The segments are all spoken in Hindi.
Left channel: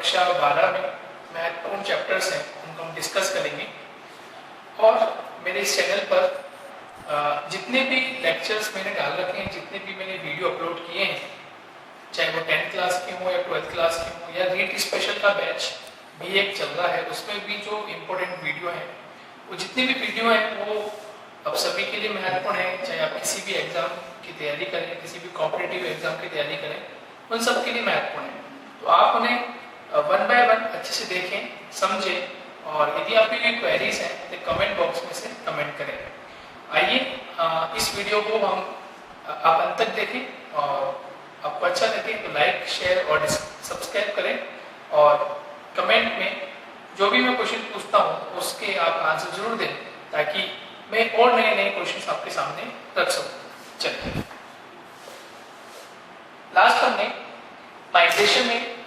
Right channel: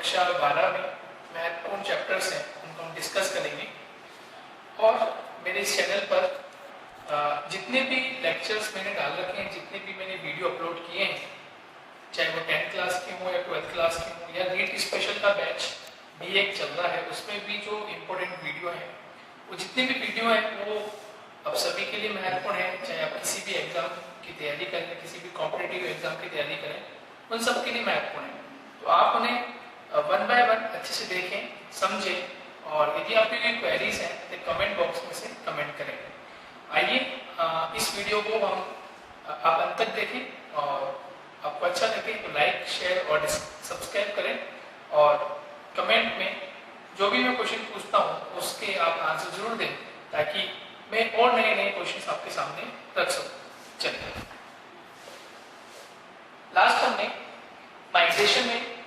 कक्षा 12 में महत्वपूर्ण चैप्टर्स हैं उनको हम डिस्कस करेंगे। और मेरे इस चैनल पर जितने भी लेक्चर्स मैंने डाल रखे हैं, जितने भी मैंने वीडियो अपलोड किए हैं, चाहे वो 10th क्लास के हो या 12th क्लास के हो, या नीट स्पेशल का बैच भी एक चल रहा है, उसमें भी जो इम्पोर्टेंट वीडियो है, वो जितने भी वीडियो हैं वो अब सभी के लिए महत्वपूर्ण है। चाहे आप किसी भी एग्जाम की तैयारी करें, किसी भी कॉम्पिटिटिव एग्जाम की तैयारी करें, उन सब के लिए महत्वपूर्ण है। तो आप उन्हें वन बाय वन अच्छे से देखें, समझें, और यदि आपकी कोई क्वेरीज हैं तो कमेंट बॉक्स में से कमेंट करें। आइए इस वीडियो को हम आप अंत तक देखें, और आपको अच्छा लगे तो लाइक, शेयर और सब्सक्राइब करें, और कमेंट में जो भी मैं क्वेश्चन पूछता हूँ उसके आप आंसर जरूर दें, ताकि मैं और नए नए क्वेश्चन आपके सामने रख सकूँ। चलिए, लास्ट हमने माइग्रेशन में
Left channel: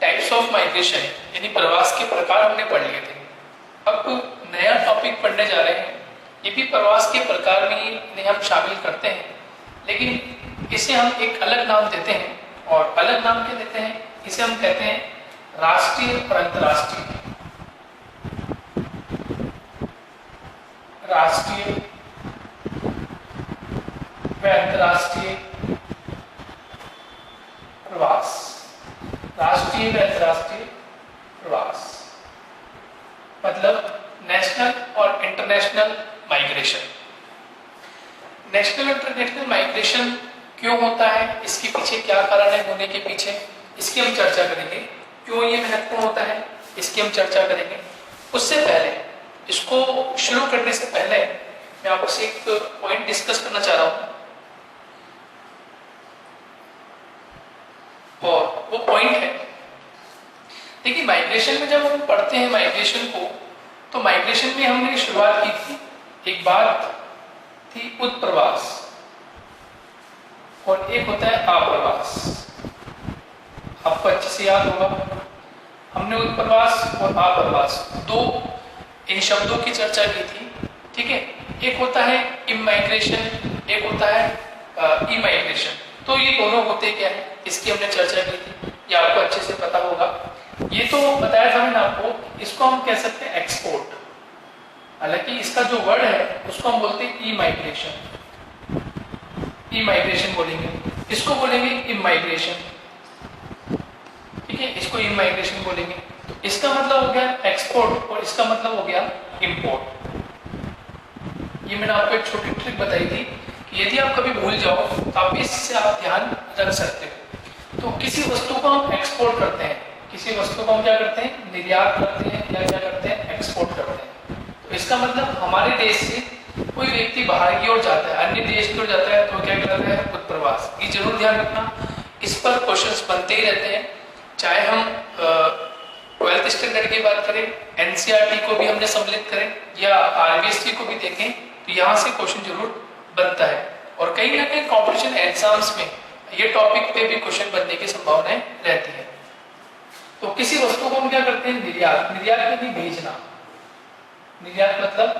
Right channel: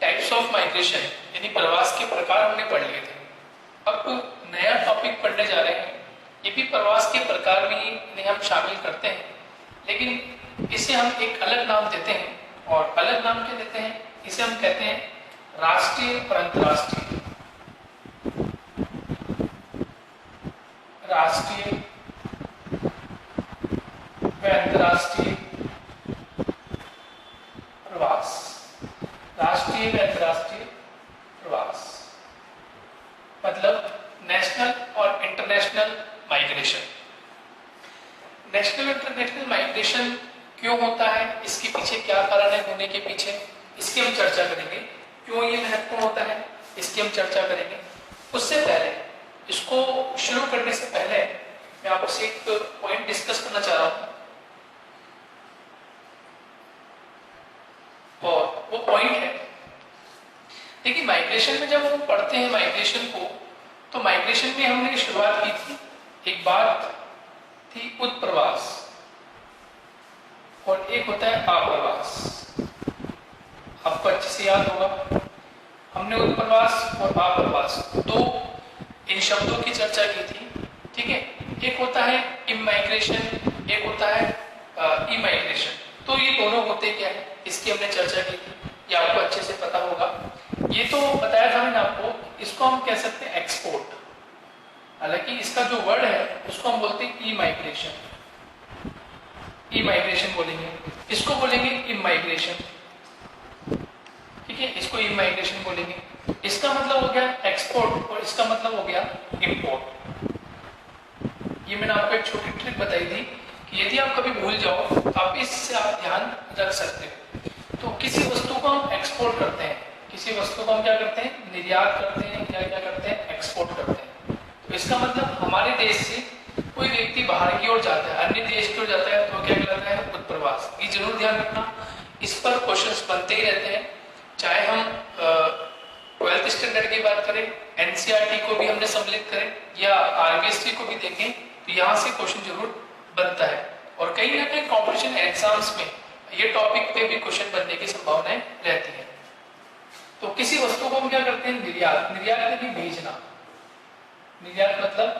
टाइप्स ऑफ माइग्रेशन यानी प्रवास के प्रकार हमने पढ़ लिए थे। अब नया टॉपिक पढ़ने जा रहे हैं, ये भी प्रवास के प्रकार में ही हम शामिल करते हैं, लेकिन इसे हम एक अलग नाम देते हैं। और अलग नाम क्या देते हैं? इसे हम कहते हैं राष्ट्रीय और अंतर्राष्ट्रीय। राष्ट्रीय व अंतर्राष्ट्रीय प्रवास। राष्ट्रीय व अंतर्राष्ट्रीय प्रवास मतलब नेशनल और इंटरनेशनल माइग्रेशन। नेशनल और इंटरनेशनल माइग्रेशन क्यों होता है, इसके पीछे क्या कारण है होने के पीछे, इसकी हम चर्चा करेंगे। क्यों ये महत्वपूर्ण होता है, इसकी हम चर्चा करेंगे। उससे पहले, इसको शुरू करने से पहले मैं आपसे एक पॉइंट डिस्कस करना चाह रहा हूं, और वो पॉइंट है, देखिए माइग्रेशन में जब हम पढ़ते हैं माइग्रेशन को, तो माइग्रेशन में हमने शुरुआत की थी, एक बात थी उत्प्रवास और एक होता है आप्रवास। आपको अच्छे से याद होगा, हमने उत्प्रवास और आप्रवास दो इन शब्दों की चर्चा की थी, ठीक है। एक होता है इमाइग्रेशन, एक होता है इमाइग्रेशन। तो ये दोनों होते क्या है, इसकी हमने चर्चा की थी, ये आपको अच्छे से पता होगा। ये तो बताया था मैंने आपको, इसको हम कह सकते हैं एक्सपोर्ट, हालांकि इसका जो वर्ड है उसको हम बोलते हैं इमाइग्रेशन। इमाइग्रेशन बोलेंगे, इसको बोलेंगे इमाइग्रेशन, ठीक है, इसको इमाइग्रेशन बोलेंगे। इसका मतलब हो गया एक्सपोर्ट और इसका मतलब हो गया इंपोर्ट। ये मैंने आपको एक छोटी ट्रिक बताई थी कि यदि आप कभी भूल जाओ तो आप इससे आप ध्यान रख सकते हो। तो किसी वस्तु को हम एक्सपोर्ट करते हैं, किसी वस्तु को हम क्या करते हैं, निर्यात करते हैं, या क्या करते हैं, एक्सपोर्ट करते हैं। तो इसका मतलब हमारे देश से कोई व्यक्ति बाहर की ओर जाता है, अन्य देश की ओर जाता है, तो क्या कहलाता है, उत्प्रवास। ये जरूर ध्यान रखना, इस पर क्वेश्चंस बनते ही रहते हैं। चाहे हम 12th स्टैंडर्ड की बात करें, एनसीईआरटी को भी हमने सम्मिलित करें, या आरबीएसटी को भी देखें, तो यहाँ से क्वेश्चन जरूर बनता है। और कहीं ना कहीं कॉम्पिटिशन एग्जाम्स में ये टॉपिक पे भी क्वेश्चन बनने की संभावनाएं रहती है। तो किसी वस्तु को हम क्या करते हैं, निर्यात। निर्यात यानी भेजना, निर्यात मतलब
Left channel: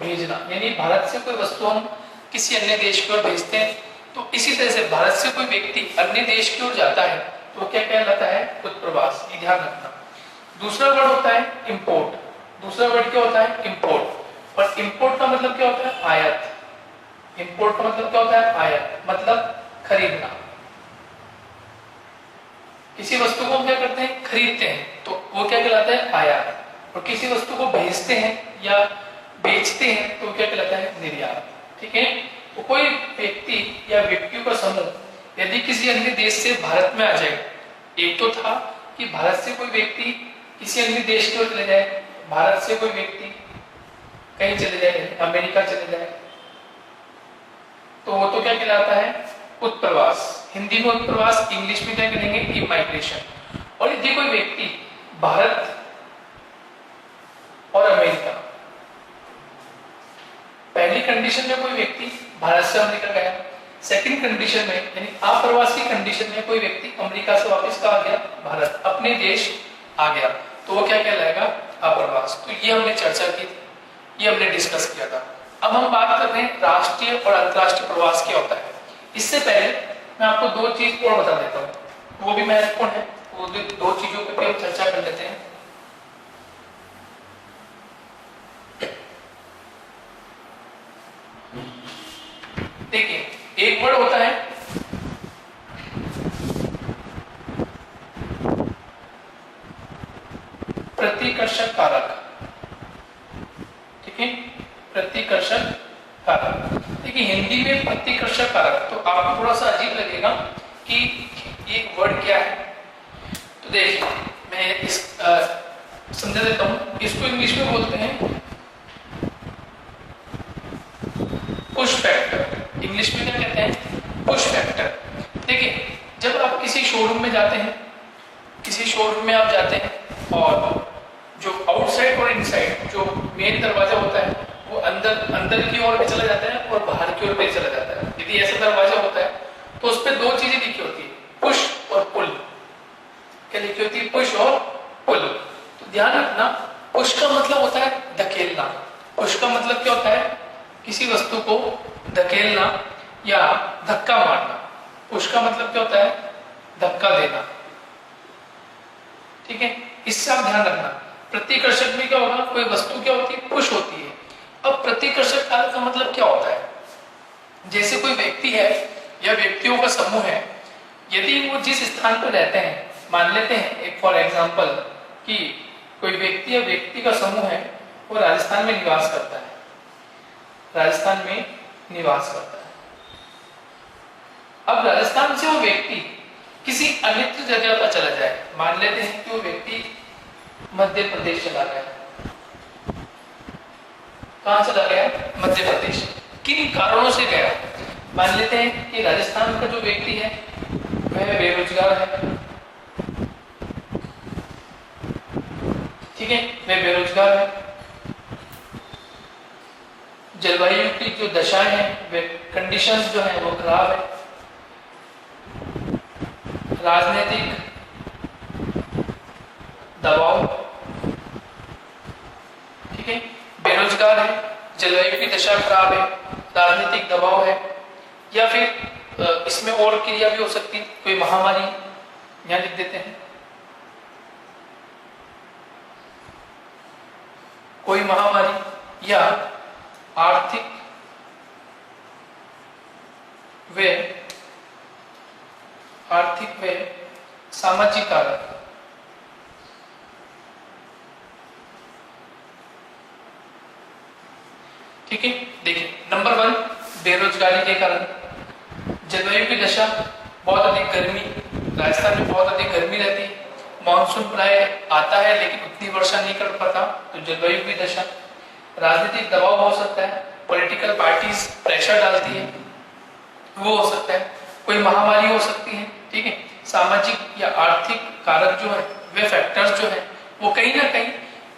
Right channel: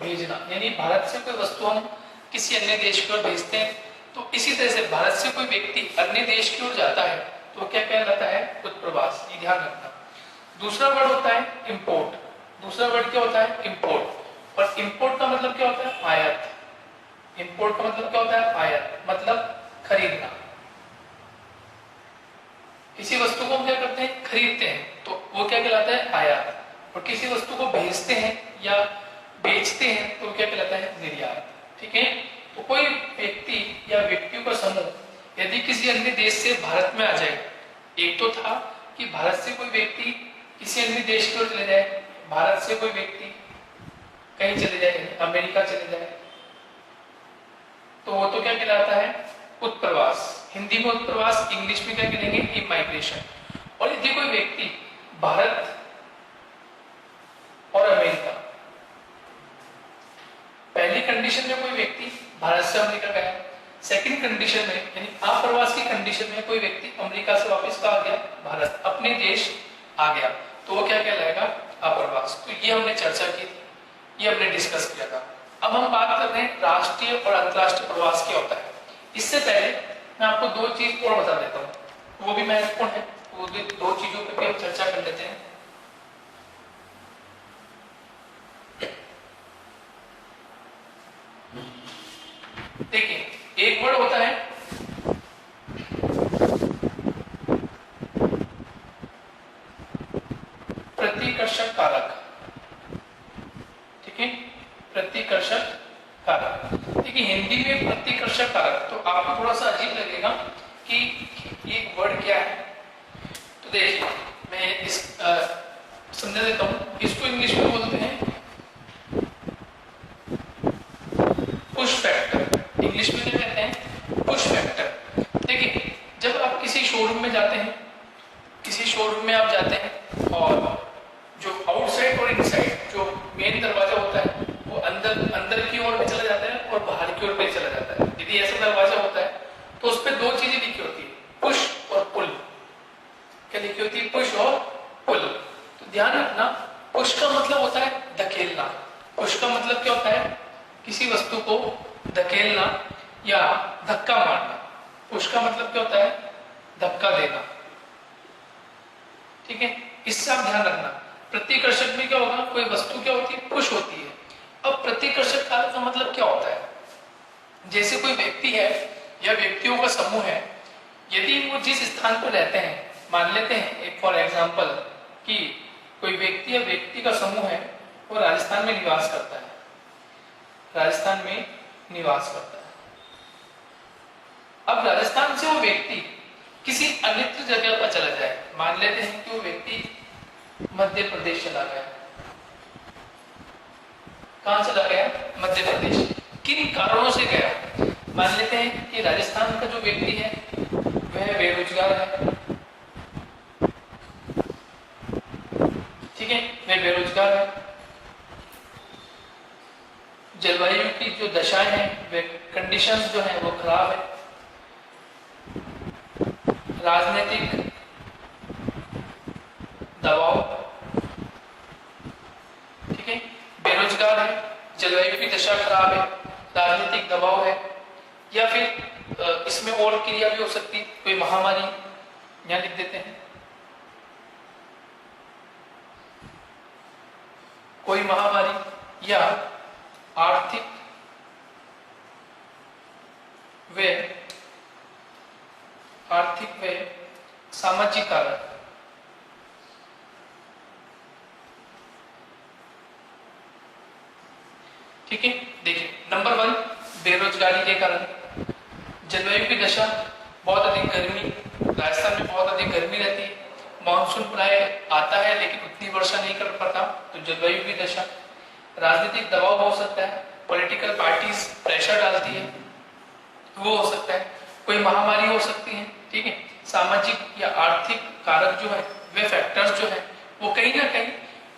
भेजना, यानी भारत से कोई वस्तु हम किसी अन्य देश की ओर भेजते हैं। तो इसी तरह से भारत से कोई व्यक्ति अन्य देश की ओर जाता है तो क्या कहलाता है, उत्प्रवास। ये ध्यान रखना। दूसरा वर्ड होता है इंपोर्ट। दूसरा वर्ड क्या होता है, इंपोर्ट। और इंपोर्ट का मतलब क्या होता है, आयात। इंपोर्ट का मतलब क्या होता है, आयात, मतलब खरीदना। किसी वस्तु को हम क्या करते हैं, खरीदते हैं, तो वो क्या कहलाता है, आयात। और किसी वस्तु को भेजते हैं या बेचते हैं तो क्या कहलाता है, निर्यात, ठीक है। तो कोई व्यक्ति या व्यक्तियों का समूह यदि किसी अन्य देश से भारत में आ जाए, एक तो था कि भारत से कोई व्यक्ति किसी अन्य देश की ओर चले जाए, भारत से कोई व्यक्ति कहीं चले जाए, अमेरिका चले जाए, तो वो तो क्या कहलाता है, उत्प्रवास। हिंदी में उत्प्रवास, इंग्लिश में क्या कहेंगे, इमाइग्रेशन। और यदि कोई व्यक्ति भारत और अमेरिका, पहली कंडीशन में कोई व्यक्ति भारत से अमेरिका गया, सेकंड कंडीशन में यानी अप्रवासी कंडीशन में कोई व्यक्ति अमेरिका से वापस आ गया, भारत अपने देश आ गया, तो वो क्या कहलाएगा, अप्रवास। तो ये हमने चर्चा की थी, ये हमने डिस्कस किया था। अब हम बात करते हैं राष्ट्रीय और अंतर्राष्ट्रीय प्रवास क्या होता है। इससे पहले मैं आपको दो चीज और बता देता हूँ, वो भी महत्वपूर्ण है। वो दो चीजों को प्रतिकर्षक कारक, ठीक है, प्रतिकर्षक कारक। देखिए हिंदी में प्रतिकर्षक कारक तो आप थोड़ा सा अजीब लगेगा कि ये वर्ड क्या है। तो देखिए मैं इस समझा देता हूँ। इसको इंग्लिश में बोलते हैं पुश फैक्टर। इंग्लिश में क्या कहते हैं? Push factor. देखिए जब आप किसी शोरूम में जाते हैं, किसी शोरूम में आप जाते हैं और जो आउटसाइड और इनसाइड जो मेन दरवाजा होता है वो अंदर अंदर की ओर भी चला जाता है और बाहर की ओर भी चला जाता है। यदि ऐसा दरवाजा होता है तो उस पर दो चीजें लिखी होती है, पुश और पुल। क्या लिखी होती है? पुश और पुल। तो ध्यान रखना, पुश का मतलब होता है धकेलना। पुश का मतलब क्या होता है? किसी वस्तु को धकेलना या धक्का मारना। पुश का मतलब क्या होता है? धक्का देना, ठीक है। इससे आप ध्यान रखना। प्रतिकर्षक में क्या होगा? कोई वस्तु क्या होती है? पुश होती है। अब प्रतिकर्षक कारक का मतलब क्या होता है? जैसे कोई व्यक्ति है या व्यक्तियों का समूह है, यदि वो जिस स्थान पर रहते हैं, मान लेते हैं एक फॉर एग्जांपल कि कोई व्यक्ति या व्यक्ति का समूह है वो राजस्थान में निवास करता है, राजस्थान में निवास करता है। अब राजस्थान से वो व्यक्ति किसी अन्य जगह पर चला जाए, मान लेते हैं कि वो व्यक्ति मध्य प्रदेश चला गया। कहां चला गया? मध्य प्रदेश। किन कारणों से गया? मान लेते हैं कि राजस्थान का जो व्यक्ति है वह बेरोजगार है, ठीक है, वह बेरोजगार है। जलवायु की जो दशाएं हैं, वे कंडीशंस जो है वो खराब है। राजनीतिक दबाव, ठीक है, बेरोजगार है, जलवायु की दशा खराब है, राजनीतिक दबाव है, या फिर इसमें और क्रिया भी हो सकती है, कोई महामारी, यहां लिख देते हैं कोई महामारी, या आर्थिक व सामाजिक कारक। ठीक है, देखिए नंबर 1 बेरोजगारी के कारण, जलवायु की दशा, बहुत अधिक गर्मी, राजस्थान में बहुत अधिक गर्मी रहती है, मानसून प्राय आता है लेकिन उतनी वर्षा नहीं कर पाता, तो जलवायु की दशा। राजनीतिक दबाव हो सकता है, पॉलिटिकल पार्टीज प्रेशर डालती है, वो हो सकता है। कोई महामारी हो सकती है, ठीक है। सामाजिक या आर्थिक कारक जो है, वे फैक्टर्स जो है वो कहीं ना कहीं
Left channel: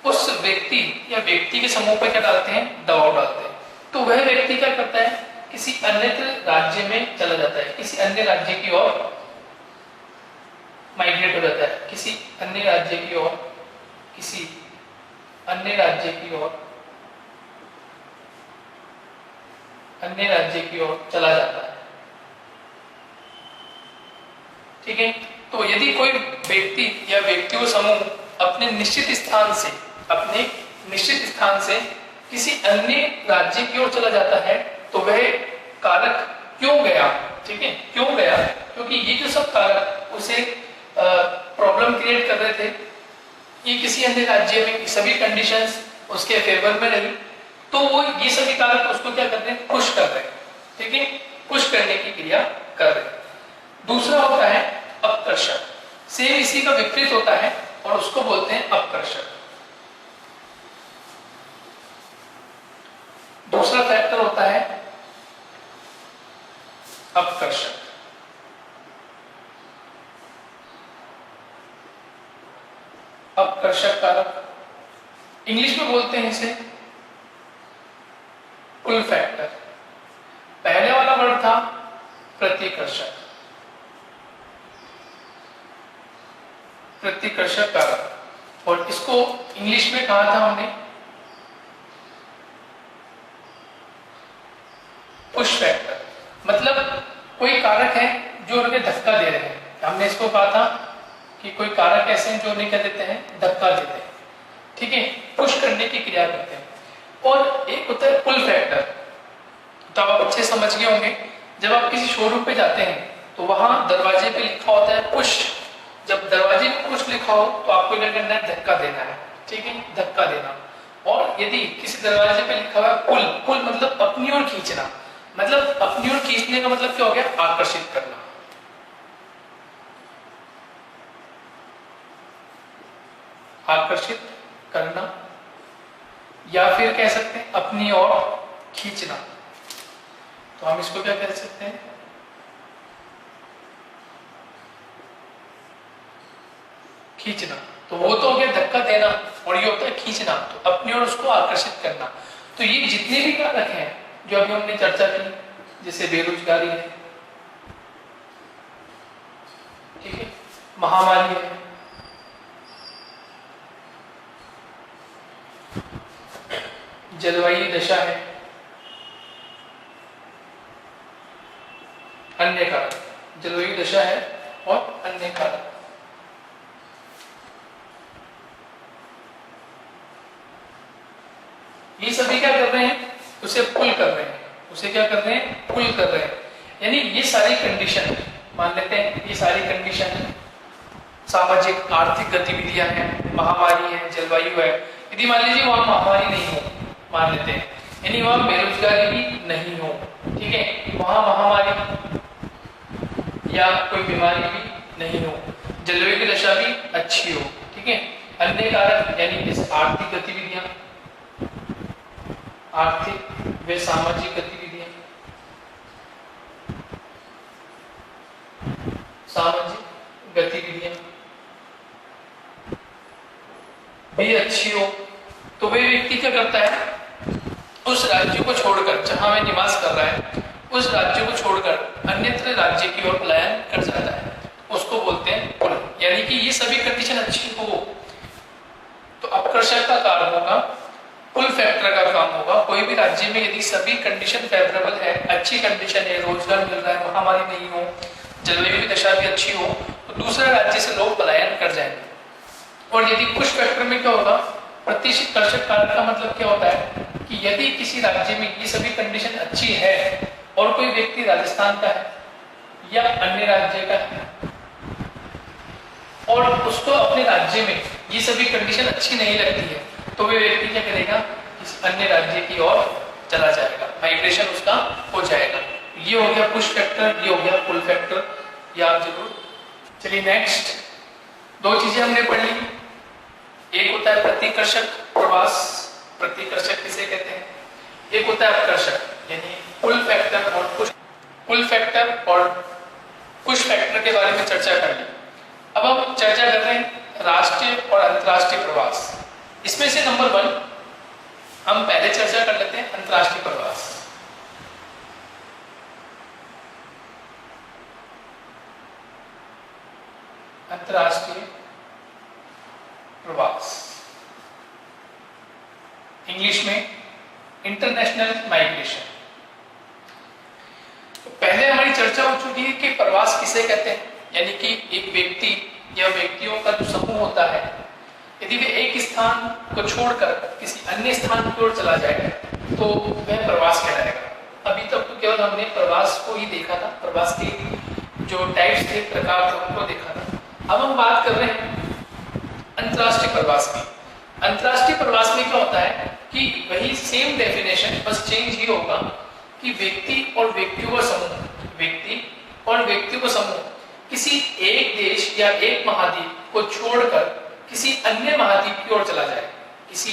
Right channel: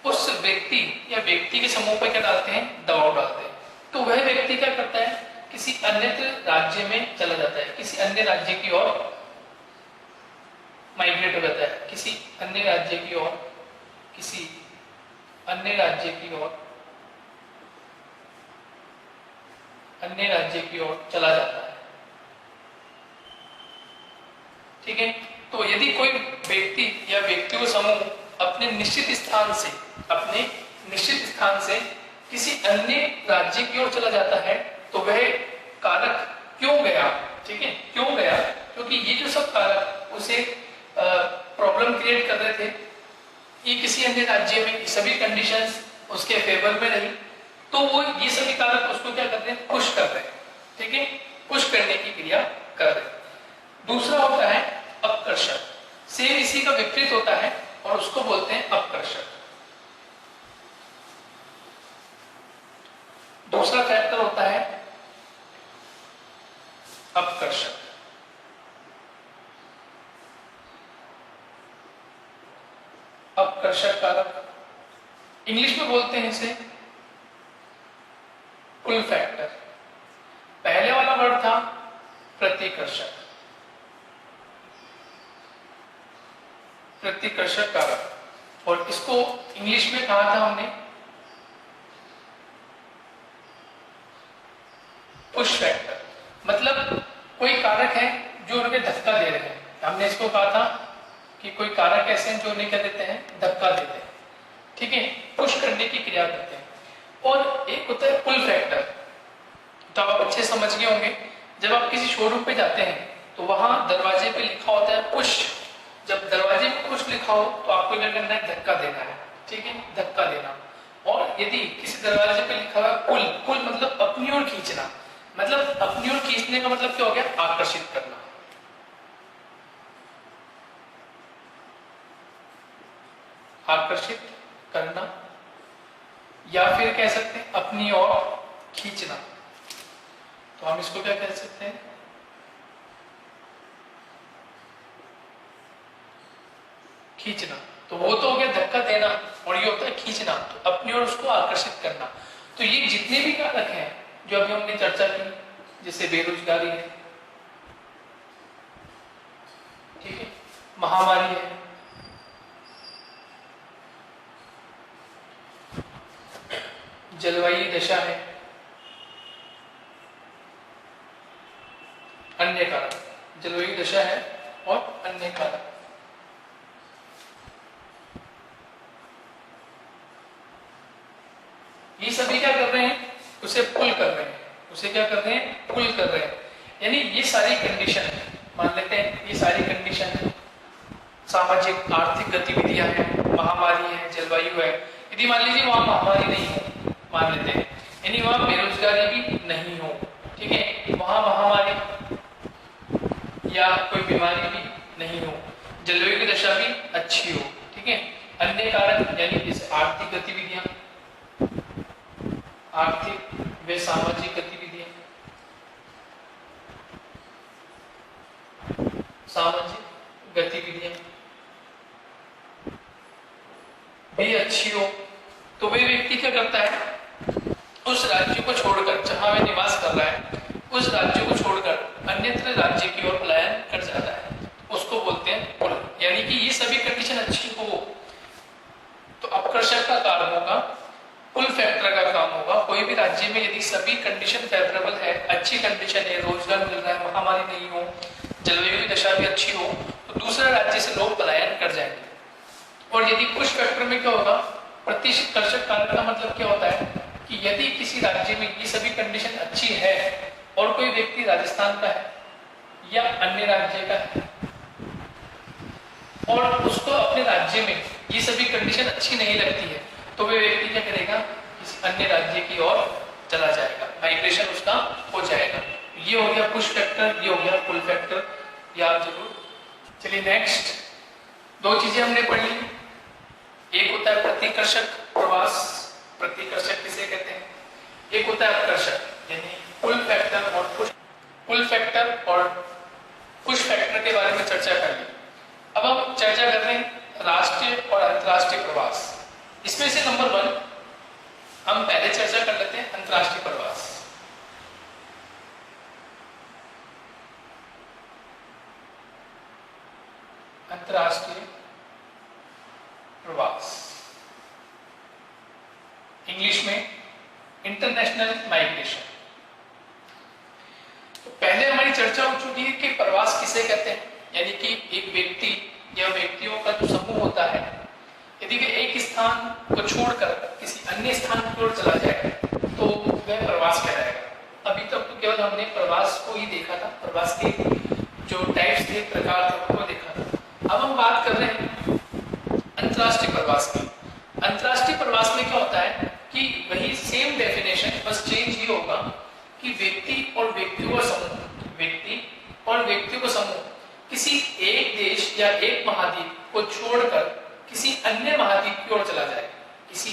उस व्यक्ति या व्यक्ति के समूह पर क्या डालते हैं? दबाव डालते हैं। तो वह व्यक्ति क्या करता है? किसी अन्य राज्य में चला जाता है, किसी अन्य राज्य की ओर माइग्रेट हो जाता है, किसी अन्य राज्य की ओर, किसी अन्य राज्य की ओर, अन्य राज्य की ओर चला जाता है, ठीक है। तो यदि कोई व्यक्ति या व्यक्तियों समूह अपने निश्चित स्थान से किसी अन्य राज्य की ओर चला जाता है, तो वह कारक क्यों गया, ठीक है, क्यों गया? क्योंकि ये जो सब कारक उसे प्रॉब्लम क्रिएट कर रहे थे कि किसी अन्य राज्य में सभी कंडीशंस उसके फेवर में रही, तो वो ये सभी कारक उसको क्या कर रहे हैं? पुश कर रहे हैं, ठीक है, पुश करने की क्रिया कर रहे हैं। दूसरा होता है अपकर्षक, सेम इसी का विपरीत होता है और उसको बोलते हैं अपकर्षक। दूसरा फैक्टर होता है अपकर्षक। अपकर्षक कारक इंग्लिश में बोलते हैं इसे पुल फैक्टर। पहले वाला वर्ड था प्रतिकर्षक, प्रतिकर्षक कारक, और इसको इंग्लिश में कहा था हमने पुश फैक्टर। मतलब कोई कारक है जो उन्हें धक्का दे रहे हैं। हमने इसको कहा था कि कोई कारक ऐसे हैं जो उन्हें क्या देते हैं? धक्का देते हैं, ठीक है, पुश करने की क्रिया करते हैं। और एक होता है पुल फैक्टर, तो आप अच्छे समझ गए होंगे। जब आप किसी शोरूम पे जाते हैं तो वहां दरवाजे पे लिखा होता है पुश। जब दरवाजे पे पुश लिखा हो तो आपको क्या करना है? धक्का देना है, ठीक है, धक्का देना। और यदि किसी दरवाजे पे लिखा हुआ है पुल, पुल मतलब अपनी ओर खींचना, मतलब अपनी ओर खींचने का मतलब क्या हो गया, आकर्षित करना। आकर्षित करना, या फिर कह सकते हैं अपनी ओर खींचना। तो हम इसको क्या कह सकते हैं, खींचना। तो वो तो हो गया धक्का देना, और ये होता है खींचना, तो अपनी ओर उसको आकर्षित करना। तो ये जितने भी कारक हैं जो अभी हमने चर्चा की, जैसे बेरोजगारी है, ठीक है, महामारी है, जलवायु दशा है, अन्य कारक, जलवायु दशा है और अन्य कारक, ये सभी क्या कर रहे हैं, उसे पुल कर रहे हैं, उसे क्या कर रहे हैं, पुल कर रहे हैं। यानी ये सारी कंडीशन मान लेते हैं, ये सारी कंडीशन सामाजिक आर्थिक गतिविधियां हैं, महामारी है, जलवायु है। यदि मान लीजिए वहां महामारी नहीं हो, मान लेते हैं, यानी वहां बेरोजगारी भी नहीं हो, ठीक है, वहां महामारी या कोई बीमारी भी नहीं हो, जलवायु की दशा भी अच्छी हो, ठीक है। अन्य कारक यानी जैसे आर्थिक गतिविधियां, आर्थिक व सामाजिक गतिविधियां, सामाजिक गतिविधियां भी अच्छी हो, तो वह व्यक्ति क्या करता है, उस राज्य को छोड़कर, जहां वह निवास कर रहा है, उस राज्य को छोड़कर अन्यत्र राज्य की ओर पलायन कर जाता है, उसको बोलते हैं पुल। यानी कि ये सभी कंडीशन अच्छी हो तो आकर्षण का कारण होगा, पुल फैक्टर का काम होगा। कोई भी राज्य में यदि सभी कंडीशन फेवरेबल है, अच्छी कंडीशन है, रोजगार मिल रहा है, महामारी नहीं हो, जलवायु की दशा भी अच्छी हो, तो दूसरे राज्य से लोग पलायन कर जाएंगे। और यदि पुश फैक्टर में क्या होगा, प्रतिकर्षक कारक का मतलब क्या होता है कि यदि किसी राज्य में ये सभी कंडीशन अच्छी है और कोई व्यक्ति राजस्थान का है या अन्य राज्य का है और उसको अपने राज्य में ये सभी कंडीशन अच्छी नहीं लगती है, तो वे व्यक्ति क्या करेगा, किसी अन्य राज्य की ओर चला जाएगा, माइग्रेशन उसका हो जाएगा। ये हो गया पुश फैक्टर, ये हो गया पुल फैक्टर, ये आप जरूर। चलिए नेक्स्ट, दो चीजें हमने पढ़ी, एक होता है प्रतिकर्षक प्रवास, प्रतिकर्षक किसे कहते हैं, एक होता है आकर्षक यानी पुल फैक्टर और पुश, पुल फैक्टर और पुश फैक्टर के बारे में चर्चा कर ली। अब हम चर्चा कर रहे हैं राष्ट्रीय और अंतर्राष्ट्रीय प्रवास। इसमें से नंबर 1 हम पहले चर्चा कर लेते हैं, अंतर्राष्ट्रीय प्रवास। अंतर्राष्ट्रीय प्रवास, इंग्लिश में इंटरनेशनल माइग्रेशन। पहले हमारी चर्चा हो चुकी है कि प्रवास किसे कहते हैं, यानी कि एक व्यक्ति या व्यक्तियों का जो समूह होता है, यदि वे एक स्थान को छोड़कर किसी अन्य स्थान की ओर चला जाए तो वह प्रवास कहलाएगा। अभी तक तो केवल हमने प्रवास को ही देखा था, प्रवास के जो टाइप्स थे, प्रकार थे, उनको देखा था। अब हम बात कर रहे हैं अंतर्राष्ट्रीय प्रवास की। अंतर्राष्ट्रीय प्रवास में क्या होता है कि वही सेम डेफिनेशन, बस चेंज ये होगा कि व्यक्ति और व्यक्तियों का समूह, व्यक्ति और व्यक्तियों का समूह किसी एक देश या एक महाद्वीप को छोड़कर किसी अन्य महाद्वीप की ओर चला जाए। किसी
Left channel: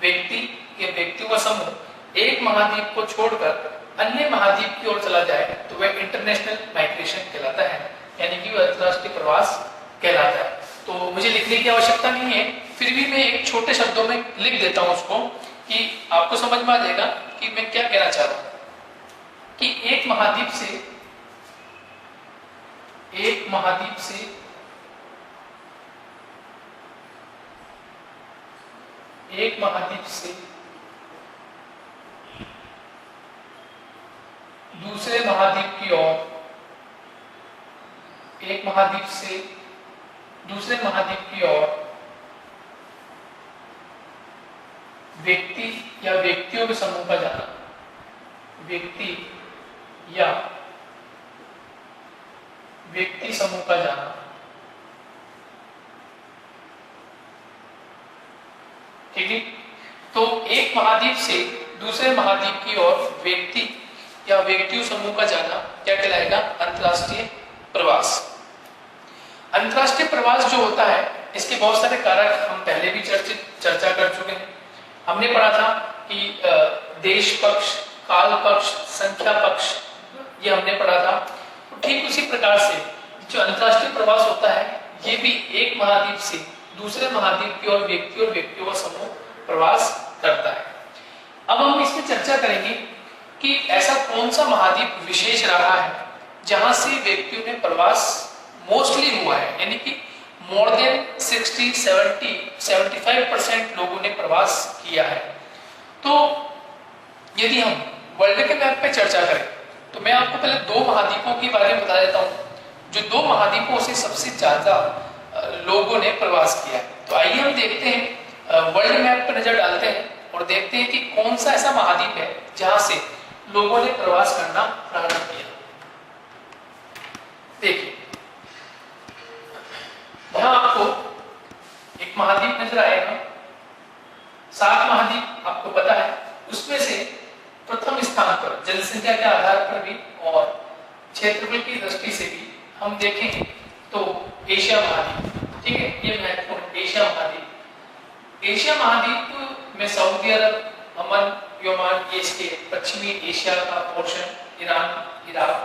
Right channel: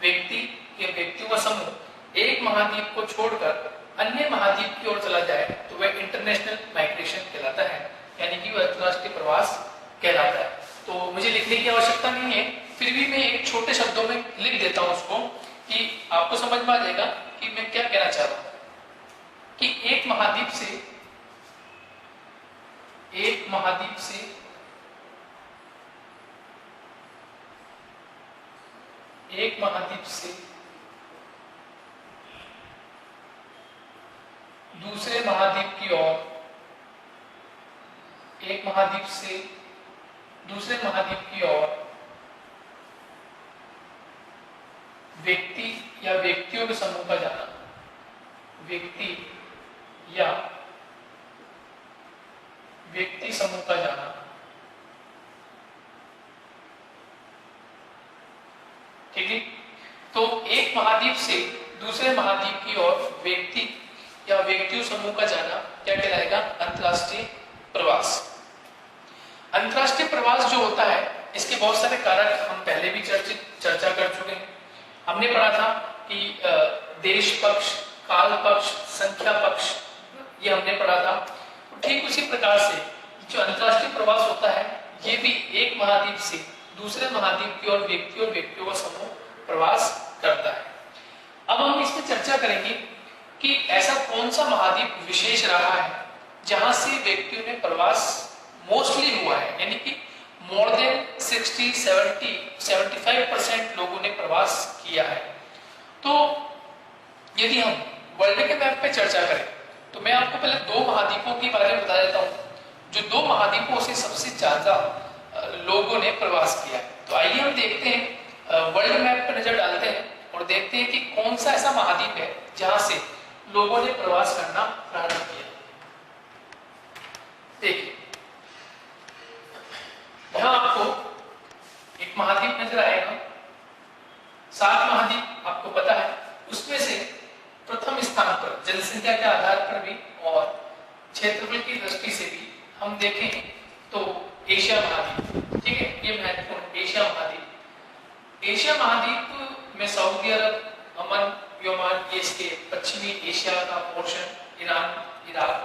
व्यक्ति या व्यक्तियों का समूह एक महाद्वीप को छोड़कर अन्य महाद्वीप की ओर चला जाए तो वह इंटरनेशनल माइग्रेशन कहलाता है, यानी कि वह अंतर्राष्ट्रीय प्रवास कहलाता है। तो मुझे लिखने की आवश्यकता नहीं है, फिर भी मैं एक छोटे शब्दों में लिख देता हूं उसको, कि आपको समझ में आ जाएगा कि मैं क्या कहना चाह रहा हूं। कि एक महाद्वीप से दूसरे महाद्वीप की ओर, एक महाद्वीप से दूसरे महाद्वीप की ओर व्यक्ति या व्यक्तियों के समूह का जाना, व्यक्ति या व्यक्ति समूह का जाना, दूसरे महाद्वीप की ओर व्यक्ति या व्यक्तियों समूह का जाना क्या कहलाएगा? अंतरराष्ट्रीय प्रवास। अंतरराष्ट्रीय प्रवास जो होता है इसके बहुत सारे कारण हम पहले भी चर्चा कर चुके हैं। हमने पढ़ा था कि देश पक्ष, काल पक्ष, संख्या पक्ष, ये हमने पढ़ा था। तो ठीक उसी प्रकार से जो अंतरराष्ट्रीय प्रवास होता है ये भी एक महाद्वीप से दूसरे महाद्वीप की ओर व्यक्ति और व्यक्तियों का समूह प्रवास करता है। अब हम इसमें चर्चा करेंगे कि ऐसा कौन सा महाद्वीप विशेष रहा है जहां से व्यक्तियों ने प्रवास मोस्टली हुआ है, यानी कि मोर देन 60, 70, 75% लोगों ने प्रवास किया है। तो यदि हम वर्ल्ड के मैप पे चर्चा करें तो मैं आपको पहले दो महाद्वीपों के बारे में बता देता हूँ जो दो महाद्वीपों से सबसे ज्यादा लोगों ने प्रवास किया है। तो आइए हम देखते हैं, वर्ल्ड मैप पर नजर डालते हैं और देखते हैं कि कौन सा ऐसा महाद्वीप है जहां से लोगों ने प्रवास करना प्रारंभ किया। देखिए यहां आपको एक महाद्वीप नजर आएगा, 7 महाद्वीप आपको पता है। उसमें से प्रथम स्थान पर जनसंख्या के आधार पर भी और क्षेत्रफल की दृष्टि से भी हम देखें तो एशिया महाद्वीप, ठीक है, ये महत्वपूर्ण एशिया महाद्वीप। एशिया महाद्वीप में सऊदी अरब, अमन, योमान, ये स्टेट, पश्चिमी एशिया का पोर्शन, ईरान, इराक,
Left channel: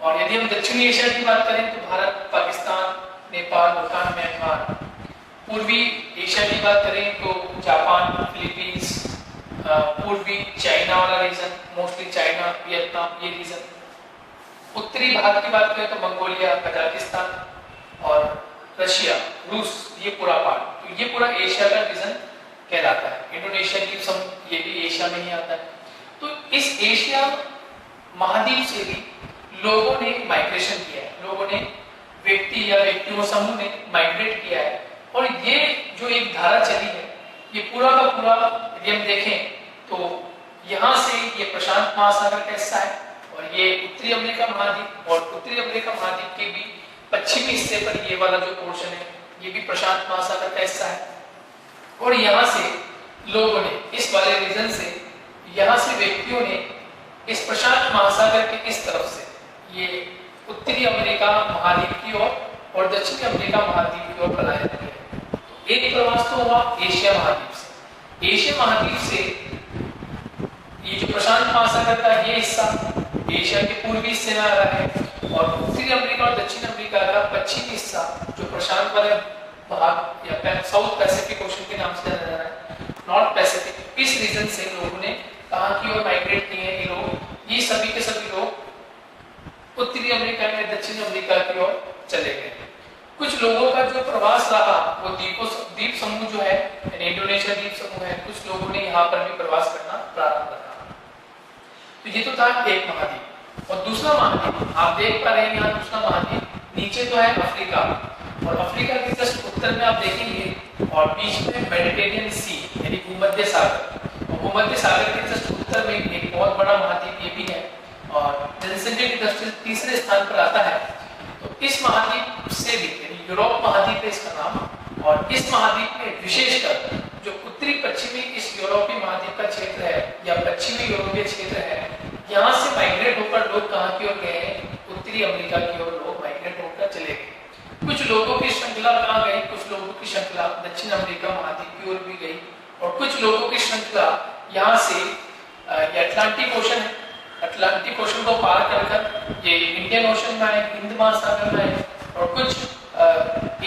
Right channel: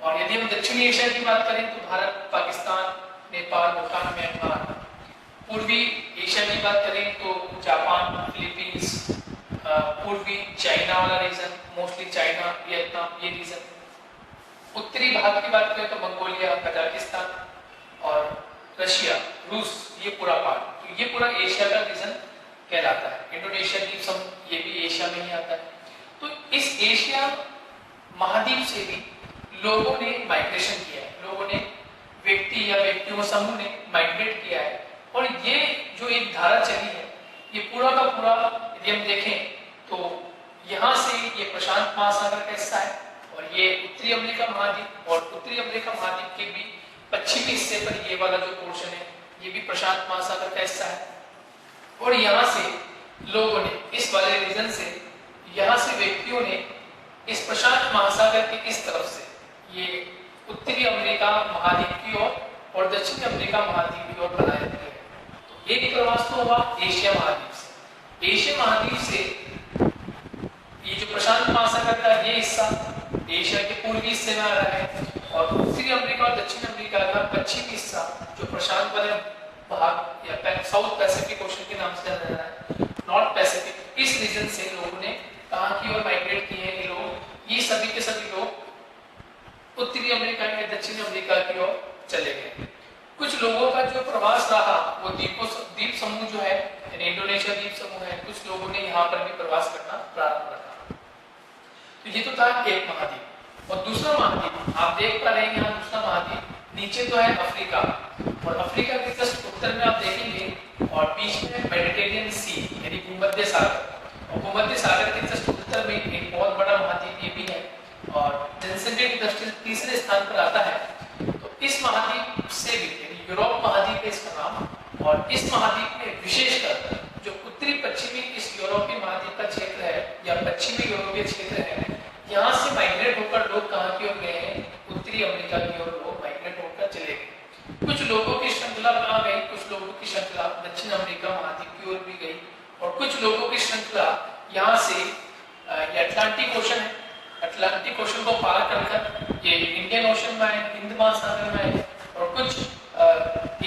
और यदि हम दक्षिणी एशिया की बात करें तो भारत, पाकिस्तान, नेपाल, भूटान, म्यांमार। पूर्वी एशिया की बात करें तो जापान, फिलीपींस, पूर्वी चाइना वाला रीजन, मोस्टली चाइना, वियतनाम, ये रीजन। उत्तरी भारत की बात करें तो मंगोलिया, कजाकिस्तान और रशिया, रूस, ये पूरा पार्ट। तो ये पूरा एशिया का रीजन कहलाता है। इंडोनेशिया द्वीप समूह ये भी एशिया में ही आता है। तो इस एशिया महाद्वीप से भी लोगों ने माइग्रेशन किया है, लोगों ने व्यक्ति या व्यक्तियों समूह ने माइग्रेट किया है। और ये जो एक धारा चली है ये पूरा का पूरा यदि हम देखें तो यहाँ से ये प्रशांत महासागर का हिस्सा है और ये उत्तरी अमेरिका महाद्वीप, और उत्तरी अमेरिका महाद्वीप के भी पश्चिमी हिस्से पर ये वाला जो पोर्शन है ये भी प्रशांत महासागर का हिस्सा है। और यहाँ से लोगों ने इस वाले रीजन से, यहाँ से व्यक्तियों ने इस प्रशांत महासागर के इस तरफ से ये उत्तरी अमेरिका महाद्वीप की ओर और दक्षिणी अमेरिका महाद्वीप की ओर बनाए थे। एक प्रवास तो हुआ एशिया महाद्वीप से। एशिया महाद्वीप से ये जो प्रशांत महासागर का ये हिस्सा एशिया के पूर्वी हिस्से में आ रहा है और उत्तरी अमेरिका और दक्षिण अमेरिका का पश्चिमी हिस्सा जो प्रशांत वाला भाग या साउथ पैसिफिक ओशन के नाम से जाना जाता है, नॉर्थ पैसिफिक, इस रीजन से लोगों ने कहां की ओर माइग्रेट किए हैं। ये लोग, ये सभी के सभी लोग उत्तरी अमेरिका में दक्षिण अमेरिका की ओर चले गए। कुछ लोगों का जो प्रवास रहा वो द्वीप समूह जो है, इंडोनेशिया द्वीप समूह है, कुछ लोगों ने यहाँ पर भी प्रवास करना प्रारंभ किया। तो ये तो था एक महाद्वीप। और दूसरा महाद्वीप आप देख पा रहे हैं, यहाँ दूसरा महाद्वीप नीचे तो है अफ्रीका, और अफ्रीका के जस्ट उत्तर में आप देखेंगे और बीच में मेडिटेरियन सी यानी भूमध्य सागर, और भूमध्य सागर के जस्ट उत्तर में एक बहुत बड़ा महाद्वीप ये भी है और जनसंख्या की दृष्टि से तीसरे स्थान पर आता है। तो इस महाद्वीप से यूरोप महाद्वीप है इसका नाम, और इस महाद्वीप में विशेषकर जो उत्तरी पश्चिमी इस यूरोपीय महाद्वीप का क्षेत्र है या पश्चिमी यूरोपीय क्षेत्र है, यहाँ से माइग्रेट होकर लोग कहाँ की ओर गए हैं? उत्तरी अमेरिका की ओर लोग माइग्रेट होकर चले गए। कुछ लोगों की श्रृंखला कहाँ गई? कुछ लोगों की श्रृंखला दक्षिण अमेरिका महाद्वीप की ओर भी गई, और कुछ लोगों की श्रृंखला यहाँ से अटलांटिक ओशन को पार कर ये इंडियन ओशन में आए, हिंद महासागर में आए, और कुछ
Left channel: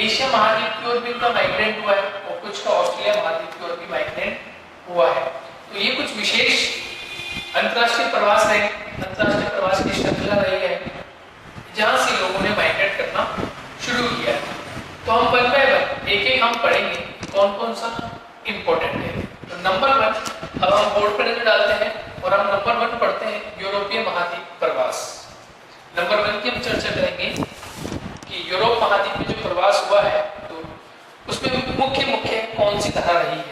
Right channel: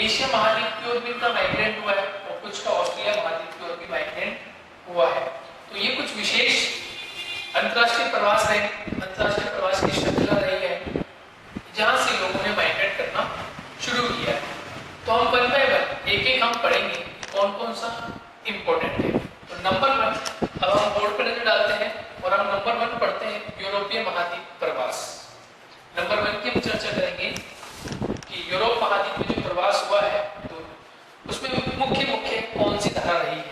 एशिया महाद्वीप की ओर भी उनका माइग्रेट हुआ है और कुछ का ऑस्ट्रेलिया महाद्वीप की ओर भी माइग्रेट हुआ है। तो ये कुछ विशेष अंतरराष्ट्रीय प्रवास है, अंतरराष्ट्रीय प्रवास की श्रृंखला रही है जहां से लोगों ने माइग्रेट करना शुरू किया है। तो हम कल पे एक एक हम पढ़ेंगे कौन कौन सा इंपॉर्टेंट है। तो नंबर 1 अब हम बोर्ड पर डालते हैं और हम नंबर 1 पढ़ते हैं यूरोपीय महाद्वीप प्रवास। नंबर 1 की हम चर्चा करेंगे कि यूरोप महाद्वीप में जो प्रवास हुआ है तो उसमें मुख्य कौन सी धारा रही है।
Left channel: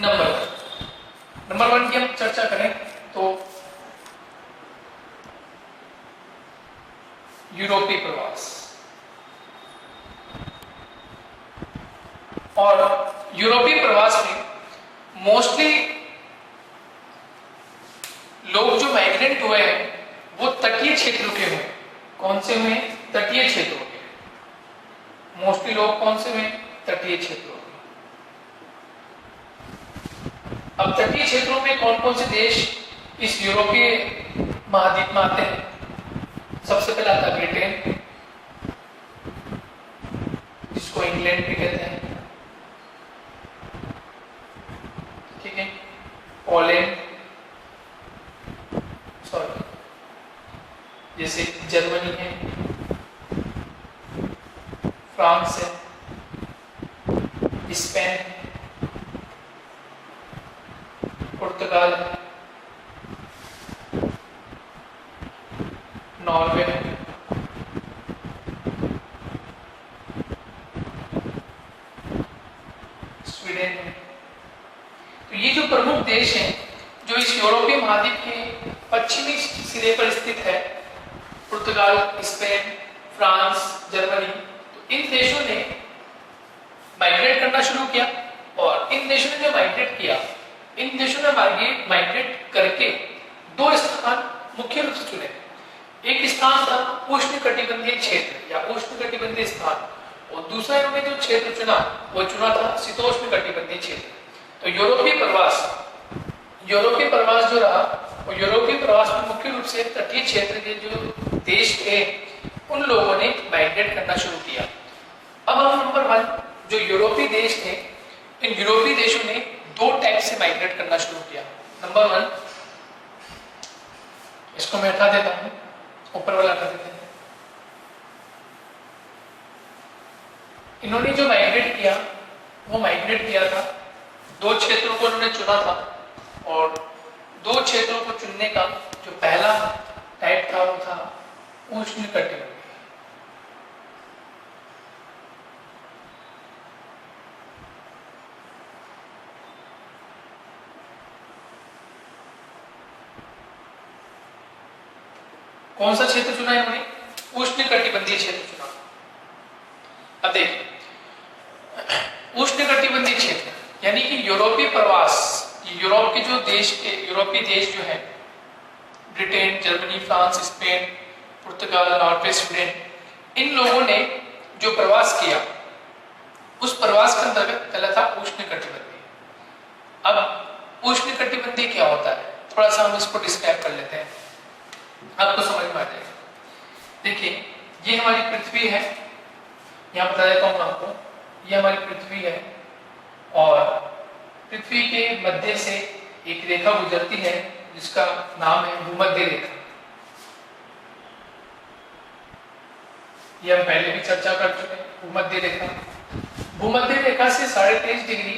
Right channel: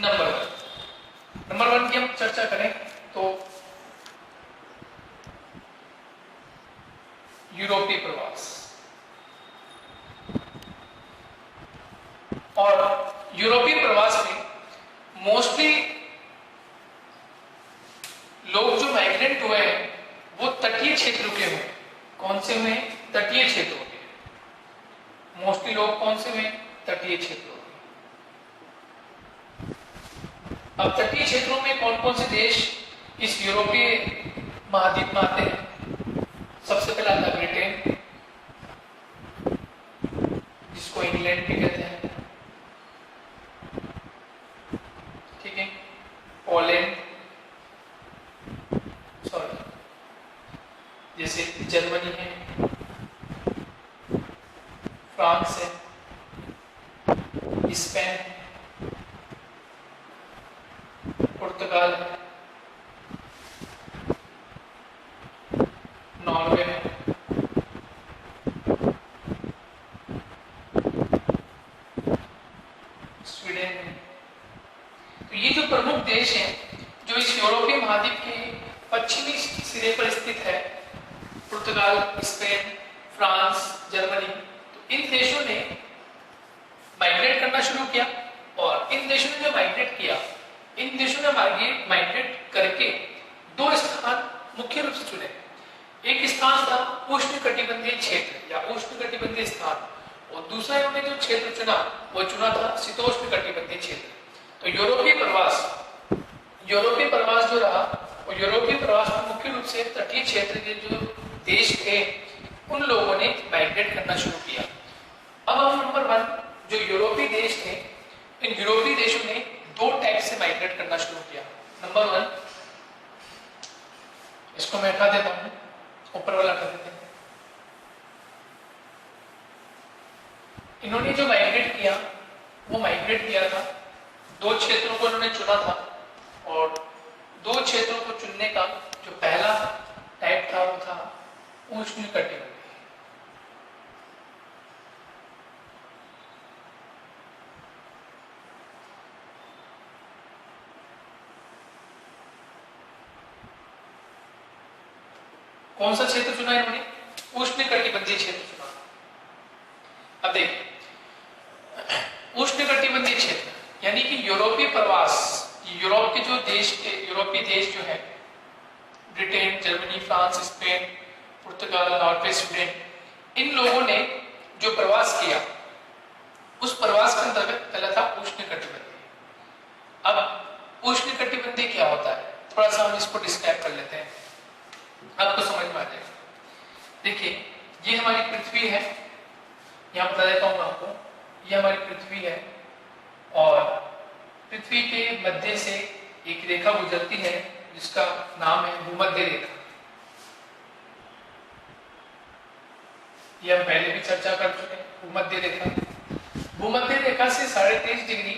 नंबर 1 की हम चर्चा करें तो यूरोपीय प्रवास, और यूरोपीय प्रवास में मोस्टली तटीय क्षेत्रों में। अब तटीय क्षेत्रों में कौन कौन से देश इस यूरोपीय महाद्वीप में आते हैं? सबसे पहले आता है ब्रिटेन, जिसको इंग्लैंड भी कहते हैं, ठीक है, पोलैंड, सॉरी जैसे जर्मनी है, फ्रांस है, स्पेन, पुर्तगाल है, नॉर्वे, स्वीडन है। तो ये जो प्रमुख देश हैं जो इस यूरोपीय महाद्वीप के पश्चिमी सिरे पर स्थित है, पुर्तगाल, स्पेन, फ्रांस, जर्मनी, तो इन देशों ने माइग्रेट करना शुरू किया। और इन देशों ने जो माइग्रेट किया, इन देशों ने माइग्रेट करके दो स्थान मुख्य रूप से चुने। एक स्थान था उष्णकटिबंधीय क्षेत्र या उष्णकटिबंधीय स्थान, और दूसरा इन्होंने जो क्षेत्र चुना वो चुना था शीतोष्णकटिबंधीय क्षेत्र। तो यूरोपीय प्रवास जो रहा, और यूरोपीय प्रवास में मुख्य रूप से तटीय क्षेत्र के जो देश थे उन लोगों ने माइग्रेट करना शुरू किया। अब हम नंबर 1 जो यूरोपीय देश थे, इन यूरोपीय देशों ने दो टाइप से माइग्रेट करना शुरू किया। नंबर 1, इसको मैं हटा देता हूं, ऊपर वाला हटा देते हैं। इन्होंने जो माइग्रेट किया वो माइग्रेट किया था, दो क्षेत्रों को उन्होंने चुना था, और दो क्षेत्रों को चुनने का जो पहला टाइप था वो था उष्णकटिबंधीय। कौन सा क्षेत्र चुना इन्होंने? उष्णकटिबंधीय क्षेत्र चुना। अब देखिए, उष्णकटिबंधीय क्षेत्र यानी कि यूरोपीय प्रवास, यूरोप के जो देश के यूरोपीय देश जो है, ब्रिटेन, जर्मनी, फ्रांस, स्पेन, पुर्तगाल, नॉर्वे, स्वीडन, इन लोगों ने जो प्रवास किया उस प्रवास के अंतर्गत पहला था उष्णकटिबंधीय। अब उष्णकटिबंधीय क्या होता है, थोड़ा सा हम इसको डिस्क्राइब कर लेते हैं, आपको समझ में आ जाएगा। देखिए, ये हमारी पृथ्वी है, यहाँ बता देता हूँ आपको, ये हमारी पृथ्वी है, और पृथ्वी के मध्य से एक रेखा गुजरती है जिसका नाम है भूमध्य रेखा। ये हम पहले भी चर्चा कर चुके हैं। भूमध्य रेखा से 23.5 डिग्री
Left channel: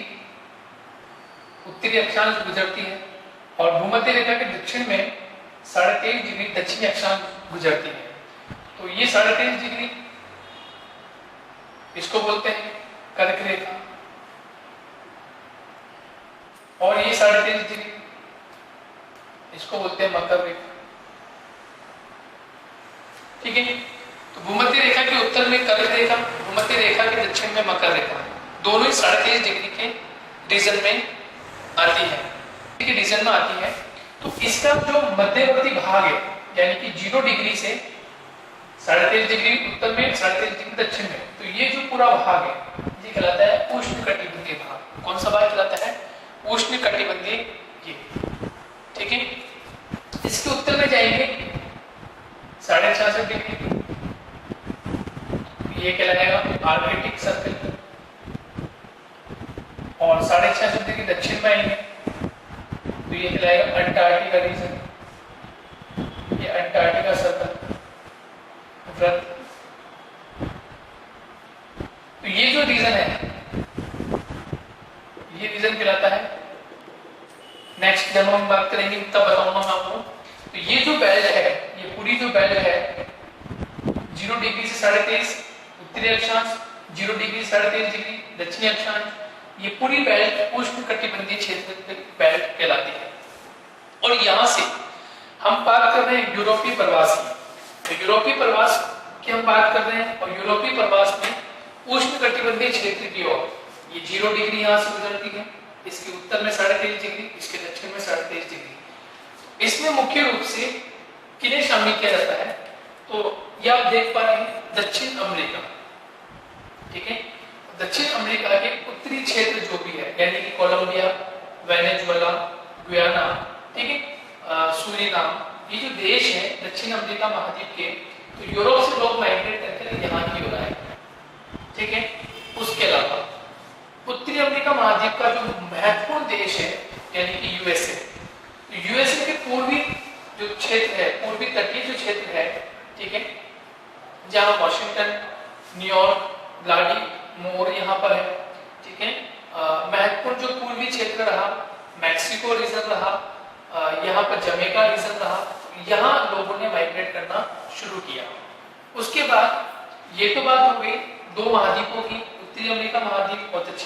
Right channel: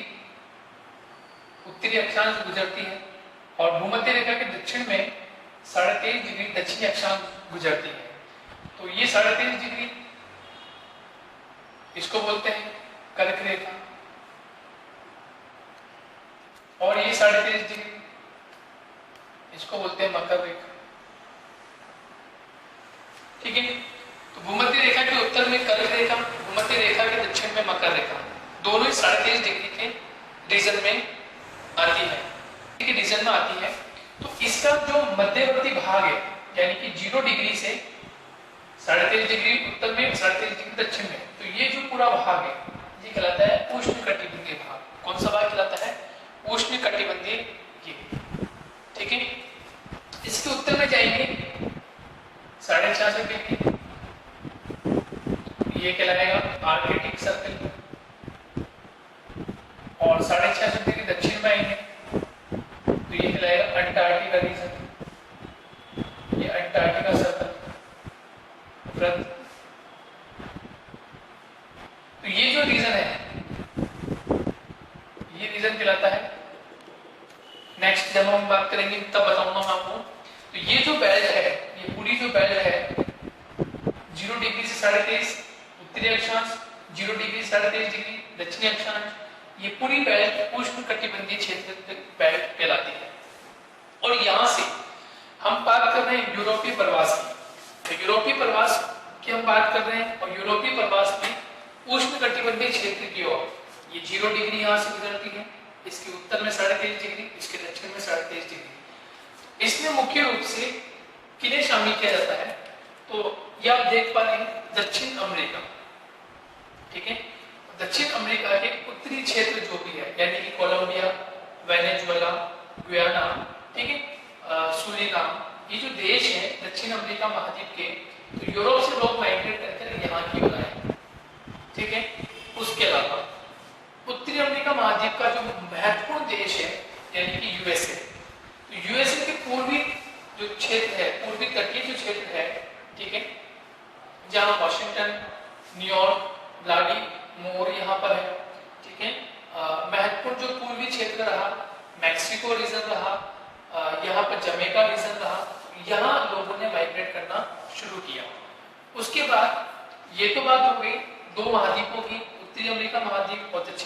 उत्तरी अक्षांश गुजरती है, और भूमध्य रेखा के दक्षिण में 23.5 डिग्री दक्षिणी अक्षांश गुजरती है। तो ये 23.5 डिग्री इसको बोलते हैं कर्क रेखा, और ये 23.5 डिग्री इसको बोलते हैं मकर रेखा, ठीक है। तो भूमध्य रेखा के उत्तर में कर्क रेखा, भूमध्य रेखा के दक्षिण में मकर रेखा, दोनों ही 23.5 डिग्री के रीजन में आती है, ठीक है, रीजन में आती है। तो इसका जो मध्यवर्ती भाग है, यानी कि 0 डिग्री से 23.5 डिग्री उत्तर में, 23.5 डिग्री दक्षिण में, तो ये जो पूरा भाग है ये कहलाता है उष्णकटिबंधीय भाग। कौन सा भाग कहलाता है? उष्णकटिबंधीय, ठीक है। इसके उत्तर में जाएंगे 66.5 डिग्री, ये कहलाएगा आर्कटिक सर्कल, और 66.5 डिग्री दक्षिण में आएंगे तो ये कहलाएगा अंटार्कटिका रीजन, ये अंटार्कटिका सर्कल वृत्त। तो ये जो रीजन है, ये रीजन कहलाता है। नेक्स्ट जब हम बात करेंगे तब बताऊंगा मैं आपको। तो ये जो बेल्ट है, ये पूरी जो बेल्ट है 0 डिग्री से 23.5 उत्तरी अक्षांश, 0 डिग्री 23.5 डिग्री दक्षिणी अक्षांश, ये पूरी बेल्ट उष्णकटिबंधीय क्षेत्र बेल्ट कहलाती है। और यहाँ से हम बात कर रहे हैं यूरोपीय प्रवास की, तो यूरोपीय प्रवास की हम बात कर रहे हैं, और यूरोपीय प्रवास में उष्णकटिबंधीय क्षेत्र की ओर ये 0 डिग्री यहाँ से गुजरती है, इसके उत्तर में 23.5 डिग्री, इसके दक्षिण में 23.5 डिग्री। इसमें मुख्य रूप से किन्हें शामिल किया जाता है? तो ये आप देख पा रहे हैं दक्षिण अमेरिका, ठीक है। दक्षिण अमेरिका के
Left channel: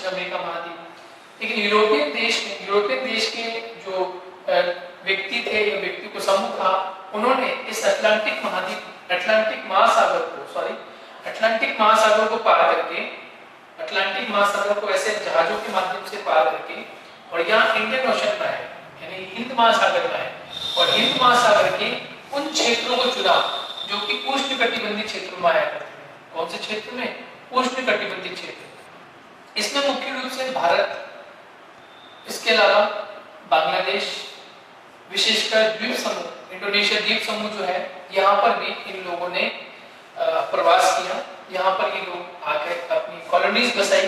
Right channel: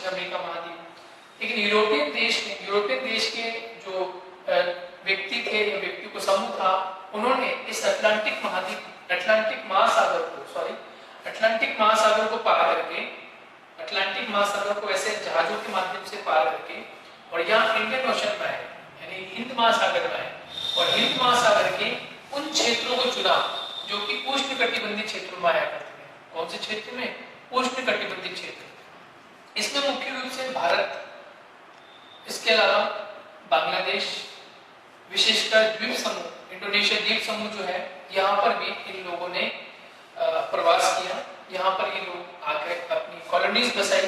दक्षिण अमेरिका महाद्वीप। लेकिन यूरोपियन देश के जो व्यक्ति थे या व्यक्ति को समूह था, उन्होंने इस अटलांटिक महासागर को पार करके, अटलांटिक महासागर को ऐसे जहाजों के माध्यम से पार करके और यहाँ इंडियन ओशन में आए, यानी हिंद महासागर में आए और हिंद महासागर के उन क्षेत्रों को चुना जो कि उष्णकटिबंधीय क्षेत्रों में आया करते हैं। कौन से क्षेत्र में? उष्णकटिबंधीय क्षेत्र। इसमें मुख्य रूप से भारत, इसके अलावा बांग्लादेश, विशेषकर द्वीप समूह, इंडोनेशिया द्वीप समूह जो है, यहाँ पर भी इन लोगों ने प्रवास किया। यहाँ पर ये लोग आकर अपनी कॉलोनीज बसाई,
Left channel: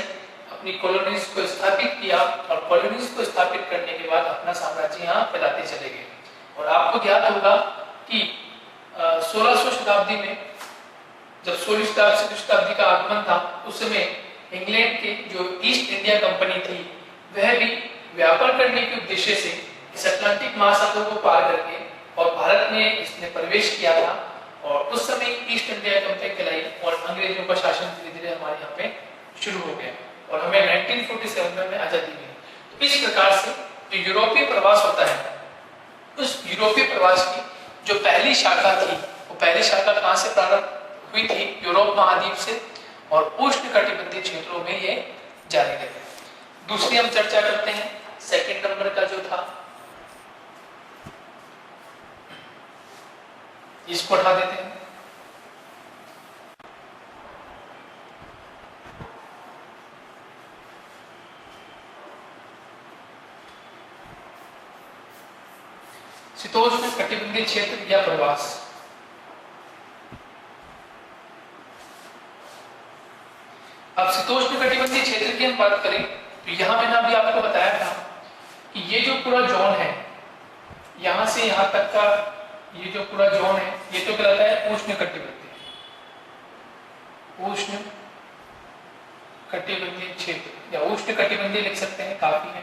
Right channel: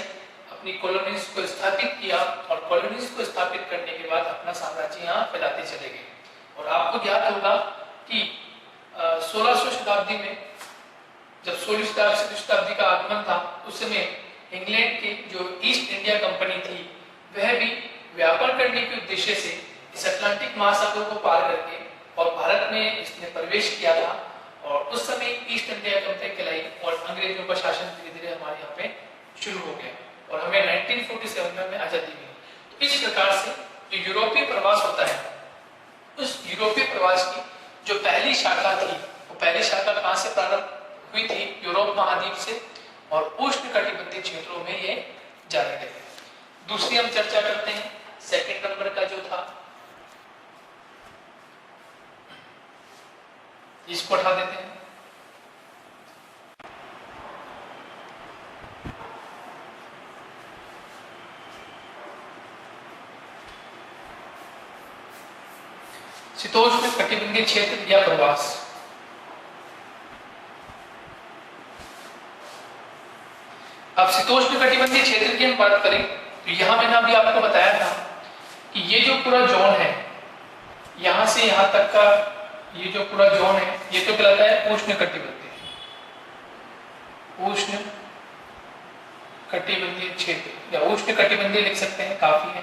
अपनी कॉलोनीज को स्थापित किया और कॉलोनीज को स्थापित करने के बाद अपना साम्राज्य यहाँ फैलाते चले गए। और आपको याद होगा कि 1600 शताब्दी में जब 16वीं शताब्दी का आगमन था, उस समय इंग्लैंड की जो ईस्ट इंडिया कंपनी थी, वह भी व्यापार करने के उद्देश्य से इस अटलांटिक महासागर को पार करके और भारत में इसने प्रवेश किया था। और उस समय ईस्ट इंडिया कंपनी कहलाई और अंग्रेजों का शासन धीरे धीरे हमारे यहाँ पे शुरू हो गया और हमें 1947 में आजादी मिली। तो इस प्रकार से जो यूरोपीय प्रवास होता है, उस यूरोपीय प्रवास की जो पहली शाखा थी, वो पहली शाखा कहाँ से प्रारंभ हुई थी? यूरोप महाद्वीप से, और उष्णकटिबंधीय क्षेत्रों में ये जारी रहे। दूसरी हम चर्चा करते हैं, सेकंड नंबर का जो था, इसको उठा देते हैं। शीतोष्ण कटिबंधीय क्षेत्र या प्रवास। अब शीतोष्ण कटिबंधीय क्षेत्र की हम बात करें तो यहां मैंने अभी आपको बताया था कि ये जो पूरा जोन है, यहां से यहां तक का ये जो पूरा जोन है, ये तो कहलाता है उष्ण कटिबंधीय, उष्ण कटिबंधीय क्षेत्र या उष्ण कटिबंधीय लिख सकते हैं, काफी है।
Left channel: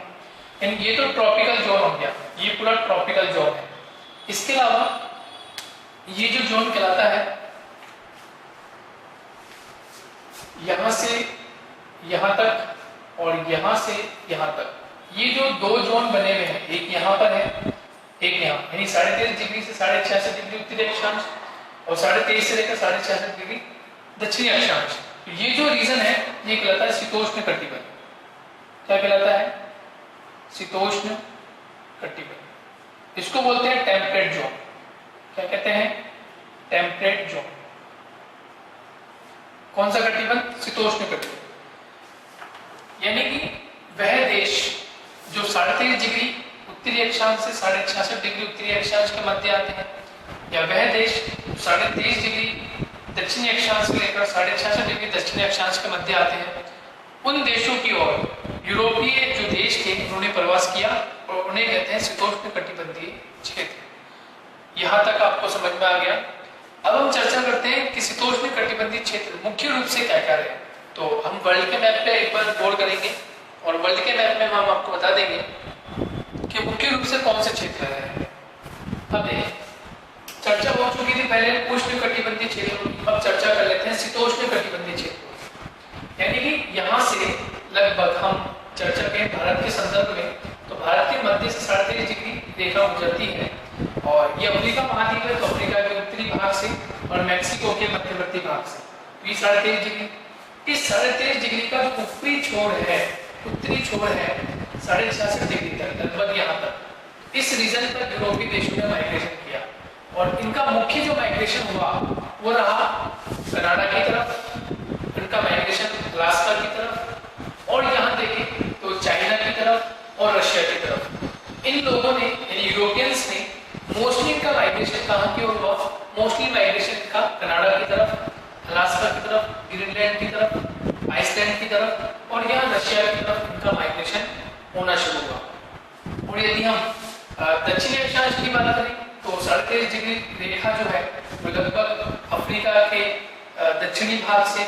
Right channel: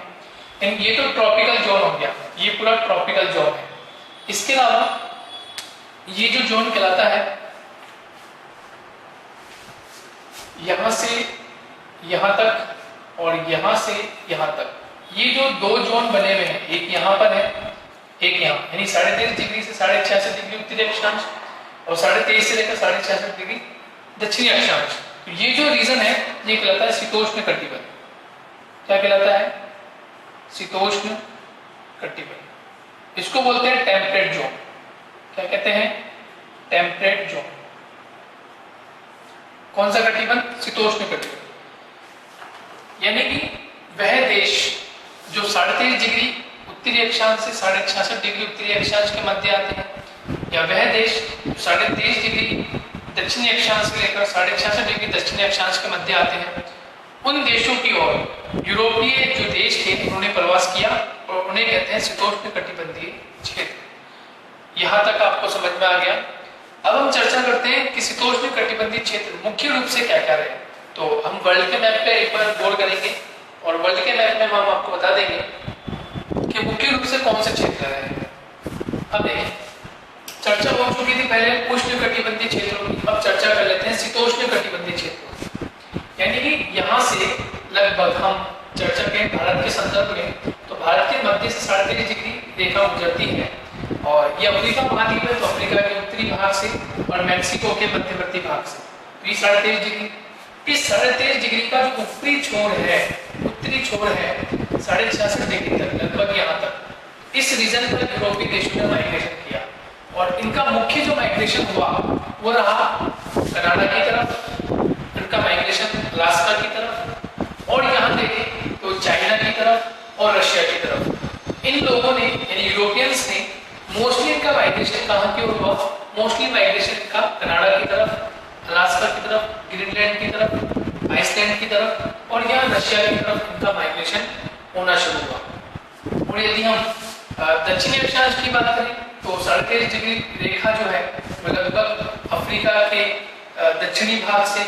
ये तो ट्रॉपिकल जोन हो गया, ये पूरा ट्रॉपिकल जोन है। इसके अलावा ये जो जोन कहलाता है, यहां से यहां तक और यहां से यहां तक, ये जो दो जोन बने हुए हैं, एक यहां पर है, एक यहाँ, यानी 13.5 डिग्री से 66.5 डिग्री उत्तरी अक्षांश और 23.5 से लेकर 66.5 डिग्री दक्षिणी अक्षांश। तो ये जो रीजन है, ये कहलाता है शीतोष्ण कटिबंध। क्या कहलाता है? शीतोष्ण कटिबंध। इसको बोलते हैं टेम्परेट जोन। क्या कहते हैं? Temperate zone. कौन सा कटिबंध? शीतोष्ण कटिबंध। यानी कि वह देश जो 23.5 डिग्री उत्तरी अक्षांश से 66.5 डिग्री उत्तरी अक्षांश के मध्य आते हैं, या वह देश 23.5 डिग्री दक्षिणी अक्षांश से लेकर 66.5 डिग्री दक्षिणी अक्षांश के मध्य आते हैं, उन देशों की ओर यूरोपीय जो देश थे उन्होंने प्रवास किया और उन्हें कहते हैं शीतोष्ण कटिबंधीय क्षेत्र। यहां तक आपको समझ में आ गया। अब हम चर्चा करते हैं कि शीतोष्ण कटिबंधीय क्षेत्र मुख्य रूप से क्या क्या है। तो हम वर्ल्ड के मैप पे एक बार गौर करेंगे और वर्ल्ड के मैप में हम आपको बता देंगे कि मुख्य रूप से कौन से क्षेत्र है। अब देखिए, चर्चा हो चुकी थी पहले उष्ण कटिबंधीय क्षेत्रों की, अब चर्चा कर लेते हैं शीतोष्ण कटिबंधीय क्षेत्रों। यानी कि यहाँ से लगभग हम चर्चा करें भारत के संदर्भ में, तो भारत के मध्य से 23.5 डिग्री रेखा गुजरती है और ये अफ्रीका महाद्वीप है, तो अफ्रीका के उत्तरी भाग से और मैक्सिको के मध्यवर्ती भाग से 23.5 डिग्री। इस 23.5 डिग्री का जो ऊपरी छोर है, उत्तरी छोर है 66.5 डिग्री तक, लगभग यहाँ तक। इस रीजन पर यूरोपीय देशों ने माइग्रेशन किया और इनका मुख्य जो माइग्रेशन हुआ वो रहा कनाडा की तरफ, इनका माइग्रेशन अलास्का की तरफ, और यहाँ देखें तो चाइना की तरफ और रशिया की तरफ। इन लोगों ने यानी यूरोपियंस ने मोस्टली इनका माइग्रेशन कहाँ की ओर हुआ? मोस्टली माइग्रेशन इनका कनाडा की तरफ, अलास्का की तरफ, ग्रीनलैंड की तरफ, आइसलैंड की तरफ और यहाँ रशिया की तरफ इनका माइग्रेशन होना शुरू हुआ। और यदि हम दक्षिणी अक्षांश की बात करें तो 23.5 डिग्री रेखा जो है लगभग अफ्रीका के दक्षिणी भाग से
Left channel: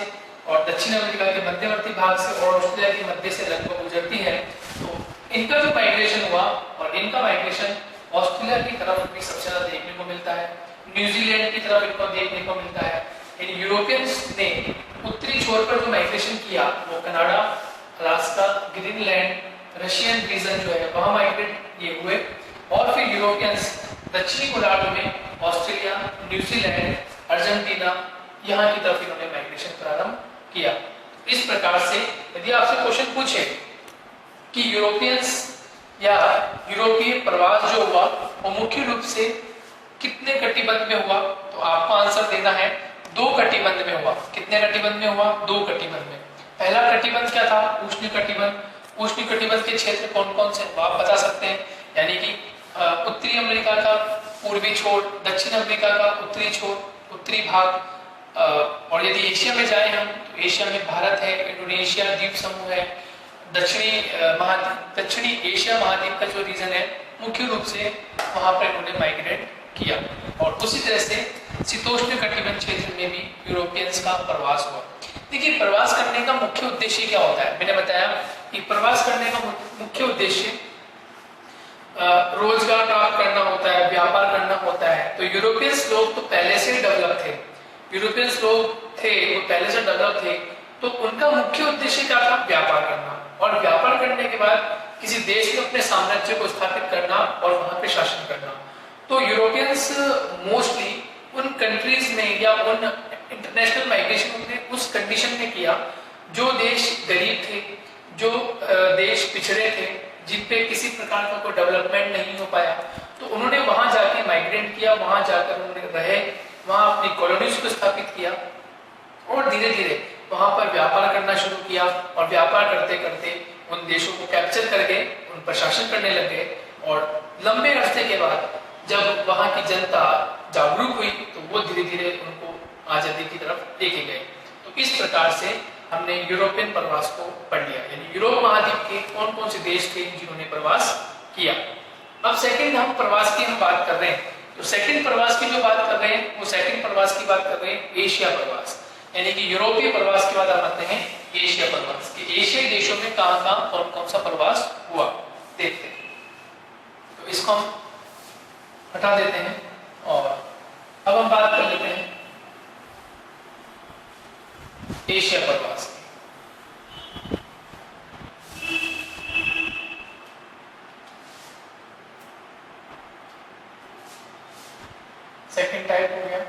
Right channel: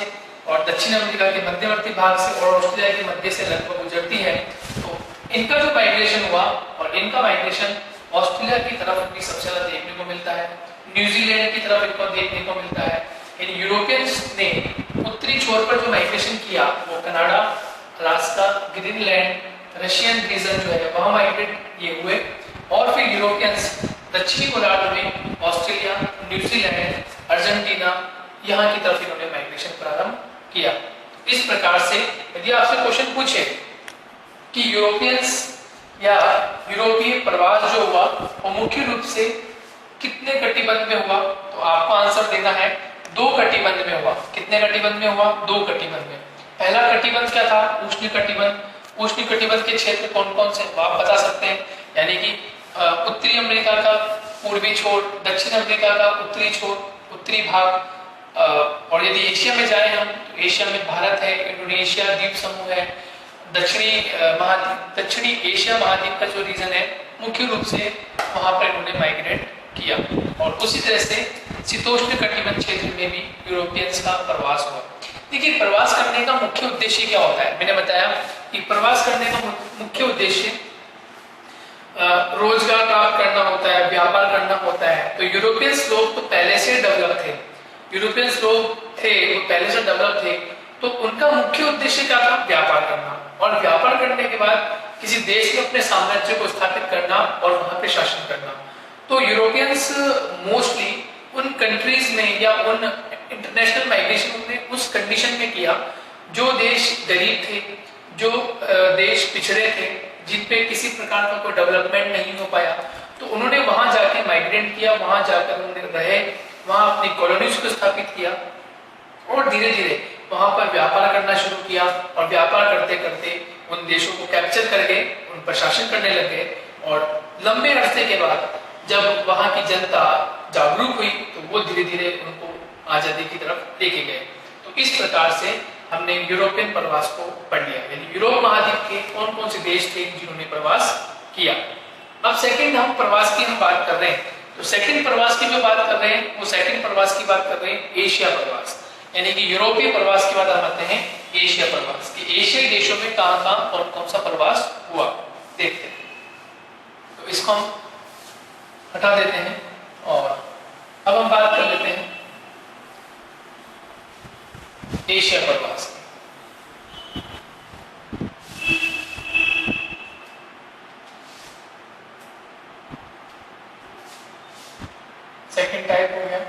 और दक्षिण अमेरिका के मध्यवर्ती भाग से और ऑस्ट्रेलिया के मध्य से लगभग गुजरती है। तो इनका जो माइग्रेशन हुआ और इनका माइग्रेशन ऑस्ट्रेलिया की तरफ भी सबसे ज्यादा देखने को मिलता है, न्यूजीलैंड की तरफ इनको देखने को मिलता है। इन यूरोपियंस ने उत्तरी छोर पर जो माइग्रेशन किया वो Canada, Alaska, Greenland, Russian region जो है वहां माइग्रेट ये हुए। और फिर यूरोपियंस दक्षिणी गोलार्ध में ऑस्ट्रेलिया, न्यूजीलैंड, अर्जेंटीना यहाँ की तरफ इन्होंने माइग्रेशन प्रारंभ किया। इस प्रकार से यदि आपसे क्वेश्चन पूछे कि यूरोपियंस या यूरोपीय प्रवास जो हुआ वो मुख्य रूप से कितने कटिबंध में हुआ, तो आपको आंसर देना है 2 कटिबंध में हुआ। कितने कटिबंध में हुआ? 2 कटिबंध में। पहला कटिबंध क्या था? उष्ण कटिबंध। उष्ण कटिबंध के क्षेत्र कौन कौन से आप बता सकते हैं? यानी कि उत्तरी अमेरिका का पूर्वी छोर, दक्षिण अमेरिका का उत्तरी छोर, उत्तरी भाग, और यदि एशिया में जाए हम तो एशिया में भारत है, इंडोनेशिया द्वीप समूह है, दक्षिणी एशिया महाद्वीप का जो रीजन है मुख्य रूप से वहां पर इन्होंने माइग्रेट किया। और उसी तरह से शीतोष्ण कटिबंध क्षेत्र में भी यूरोपियंस का प्रवास हुआ। देखिए, प्रवास करने का मुख्य उद्देश्य क्या होता है? मैंने बताया कि प्रवास करने का मुख्य उद्देश्य रोजगार प्राप्त करना होता है, व्यापार करना होता है। तो यूरोपियंस लोग तो पहले से डेवलप थे, यूरोपियंस लोग थे वो पहले से डेवलप थे, तो उनका मुख्य उद्देश्य क्या था? व्यापार करना। और व्यापार करने के बाद किसी देश में अपने साम्राज्य को स्थापित करना और वहां पे शासन करना। तो यूरोपियंस मोस्टली उन कंट्रीज में या उन इंटरनेशनल माइग्रेशन ने उस कंडीशन में किया जो देश गरीब थे, जो देश पिछड़े थे, जिन पे किसी प्रकार का कोई डेवलपमेंट नहीं हो पाया, तो उन्होंने वहां जाके माइग्रेट किया, वहां जाकर उन्होंने रहे, वहां अपनी कॉलोनीज को स्थापित किया और धीरे धीरे वहां पर व्यापार करना शुरू किया। और व्यापार करते करते उन देशों को कैप्चर करके उन पर शासन करने लगे। और लंबे अरसे के बाद जब वहां की जनता जागरूक हुई तो वो धीरे धीरे उनको आजादी की तरफ लेके गए। तो इस प्रकार से हमने यूरोपियन प्रवास को पढ़ लिया, यानी यूरोप महाद्वीप के कौन कौन से देश थे जिन्होंने प्रवास किया। अब सेकंड हम प्रवास की हम बात कर रहे हैं, तो सेकंड प्रवास की जो बात कर रहे हैं वो सेकंड प्रवास की बात कर रहे हैं एशिया प्रवास, यानी कि यूरोपीय प्रवास के बाद हम आते हैं एशिया प्रवास कि एशियाई देशों में कहां कहां कौन कौन सा प्रवास हुआ, देखते हैं। तो इसको हम हटा देते हैं और अब हम बात कर लेते हैं एशिया प्रवास की। सेकंड टाइप हो गया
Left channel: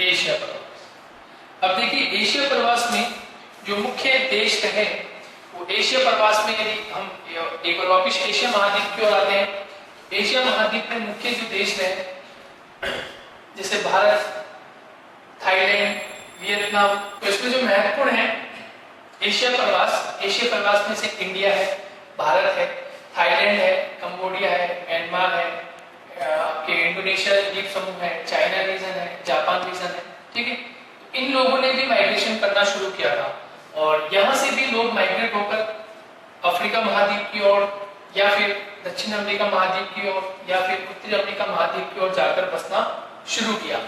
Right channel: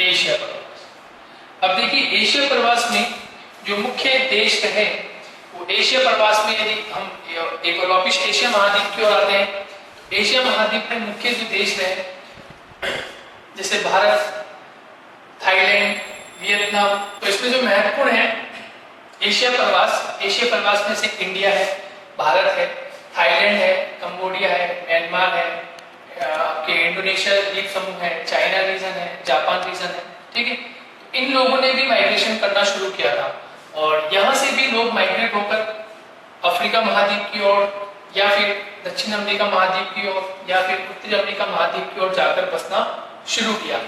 एशिया प्रवास। अब देखिए, एशिया प्रवास में जो मुख्य देश रहे वो एशिया प्रवास में, यदि हम एक बार वापिस एशिया महाद्वीप की ओर आते हैं, एशिया महाद्वीप में मुख्य जो देश रहे जैसे भारत, थाईलैंड, वियतनाम, तो इसमें जो महत्वपूर्ण है एशिया प्रवास में से इंडिया है, भारत है, थाईलैंड है, कंबोडिया है, म्यांमार है, आपके इंडोनेशिया द्वीप समूह है, चाइना रीजन है, जापान रीजन है, ठीक है। इन लोगों ने भी माइग्रेशन करना शुरू किया था और यहाँ से भी लोग माइग्रेट होकर अफ्रीका महाद्वीप की ओर या फिर दक्षिण अमेरिका महाद्वीप की ओर या फिर उत्तरी अमेरिका महाद्वीप की ओर जाकर बसना शुरू किया।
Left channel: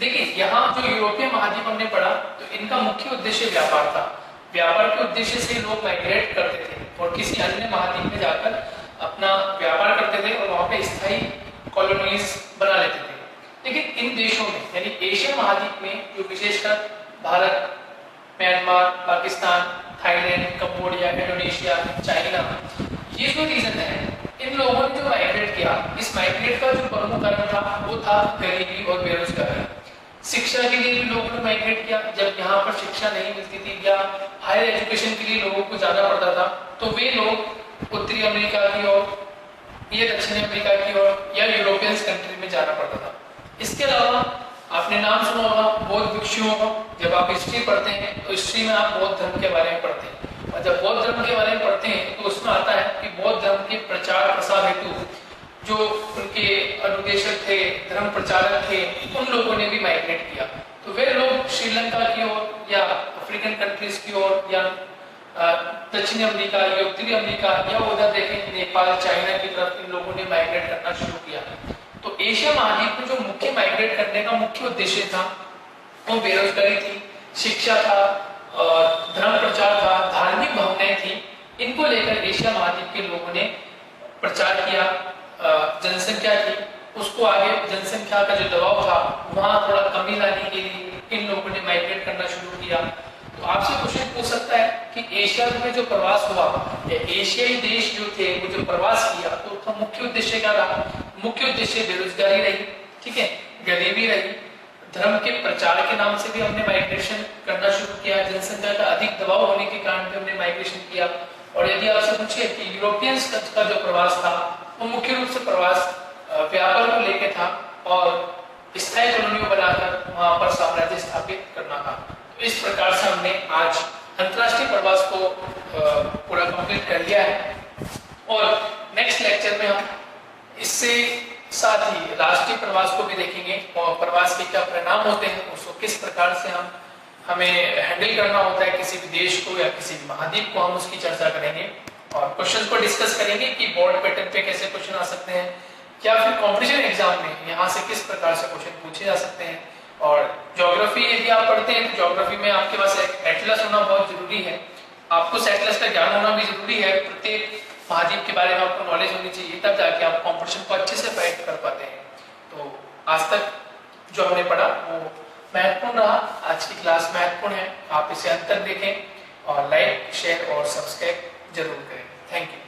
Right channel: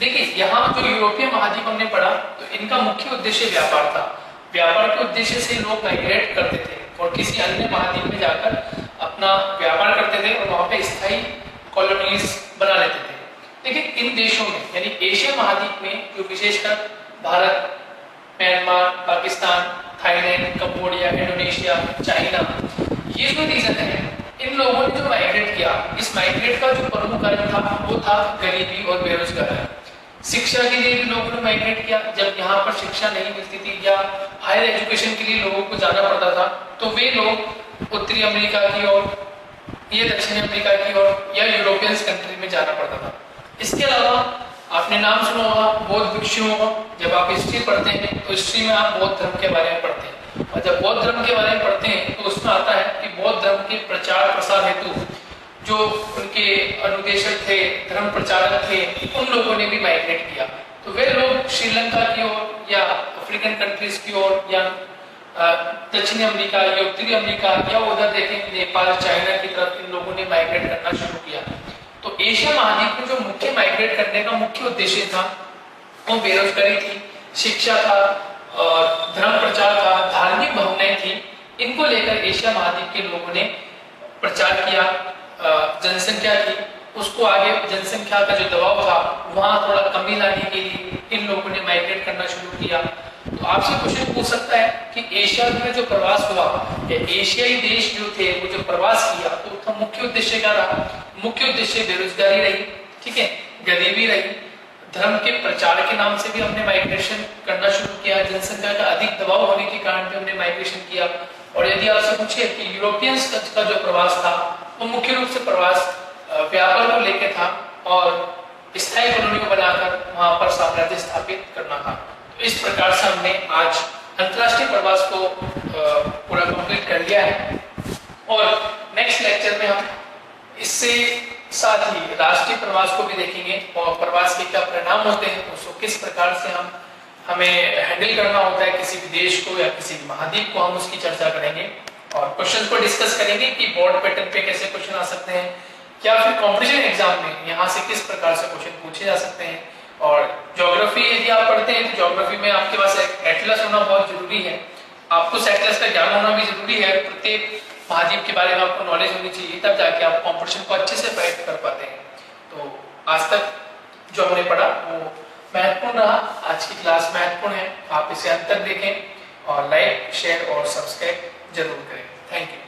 देखिए, यहाँ जो यूरोपीय महाद्वीप हमने पढ़ा तो इनका मुख्य उद्देश्य व्यापार था। व्यापार के उद्देश्य से लोग माइग्रेट करते थे और किसी अन्य महाद्वीप में जाकर अपना व्यापार करते थे और वहां पे स्थायी कॉलोनीज बना लेते थे। लेकिन इन देशों में यानी एशिया महाद्वीप में जो विशेषकर Bharat, Myanmar, Pakistan, Thailand, Cambodia, Indonesia, China, ये जो रीजन है, इन लोगों ने जो माइग्रेट किया, इस माइग्रेट का जो प्रमुख कारण था वो था गरीबी और बेरोजगारी। शिक्षा के लिए भी लोगों ने माइग्रेट किया, जब यहाँ पर शिक्षा नहीं मिलती थी या हायर एजुकेशन के लिए लोगों को जाना पड़ता था तो वे लोग उत्तरी अमेरिका की ओर या दक्षिण अमेरिका की ओर या यूरोपियन कंट्री में जाना पड़ता था। इसके अलावा आपने नाम सुना होगा बौद्ध भिक्षुओं का। जब आप हिस्ट्री पढ़ते हैं तो हिस्ट्री में आप बौद्ध धर्म के बारे में पढ़ते हैं और जब बौद्ध धर्म के बारे में पढ़ते हैं तो उसमें आता है कि बौद्ध धर्म के प्रचार प्रसार हेतु जो उनके अनुदेशक थे, धर्म प्रचारक थे, उन लोगों ने भी माइग्रेट किया। तो वे लोग श्रीलंका की ओर या अफ्रीकन कंट्रीज की ओर या दक्षिण अमेरिका या उत्तरी अमेरिका या उधर देखें नेपाल, चाइना की तरफ इन लोगों ने माइग्रेट करना शुरू किया। तो एशिया महाद्वीप में जो मुख्य माइग्रेट करने का मुख्य उद्देश्य था वो बेरोजगारी थी, शिक्षा था, धर्म प्रचार था, धार्मिक भावनाएं थी। इनको लेकर एशिया महाद्वीप के लोगों ने प्रचार किया, जनसंख्या थी उसको आगे जनसंख्या का जो दबाव था वहां थोड़ा कमी लाने के लिए इन लोगों ने माइग्रेट करना शुरू किया। तो आपसे क्वेश्चन पूछ सकता है कि एशिया में जो प्रवास हुआ या एशियाई देश जो थे वो जो प्रवास किया तो उसका मुख्य उद्देश्य क्या रहा? मुख्य उद्देश्य बेरोजगारी रही, ठीक है, गरीबी रही, धर्म के प्रचार के नाम से भी हमने माइग्रेशन करना शुरू किया, जनसंख्या का अधिक दबाव होने के कारण भी हमने माइग्रेशन किया। और यदि आपसे पूछे कि यूरोपियंस का जो प्रवास था वो मुख्य रूप से प्रवास व्यापार को लेकर था और स्थायी कॉलोनियों बनाकर वहां पर साम्राज्य स्थापित करना था। तो इस प्रकार से हमने आज अंतरराष्ट्रीय प्रवास को पूरा कंप्लीट कर लिया है और नेक्स्ट लेक्चर में हम इससे साथ ही राष्ट्रीय प्रवास को भी देखेंगे और प्रवास के क्या परिणाम होते हैं, उसको किस प्रकार से हमें हैंडल करना होता है किसी भी देश को या किसी भी महाद्वीप को, हम उसकी चर्चा करेंगे और क्वेश्चंस को डिस्कस करेंगे कि बोर्ड पैटर्न पे कैसे क्वेश्चन आ सकते हैं या फिर कॉम्पिटिशन एग्जाम में यहाँ से किस प्रकार से क्वेश्चन पूछे जा सकते हैं। और ज्योग्राफी यदि आप पढ़ते हैं तो ज्योग्राफी में आपके पास एक एटलस होना बहुत जरूरी है, आपको उस एटलस का ज्ञान होना भी जरूरी है, प्रत्येक महाद्वीप के बारे में आपको नॉलेज होनी चाहिए, तब जाके आप कॉम्पिटिशन को अच्छे से फाइट कर पाते हैं। तो आज तक जो हमने पढ़ा वो महत्वपूर्ण रहा, आज की क्लास महत्वपूर्ण है, आप इसे अंतर देखें और लाइक शेयर और सब्सक्राइब जरूर करें। Thank you.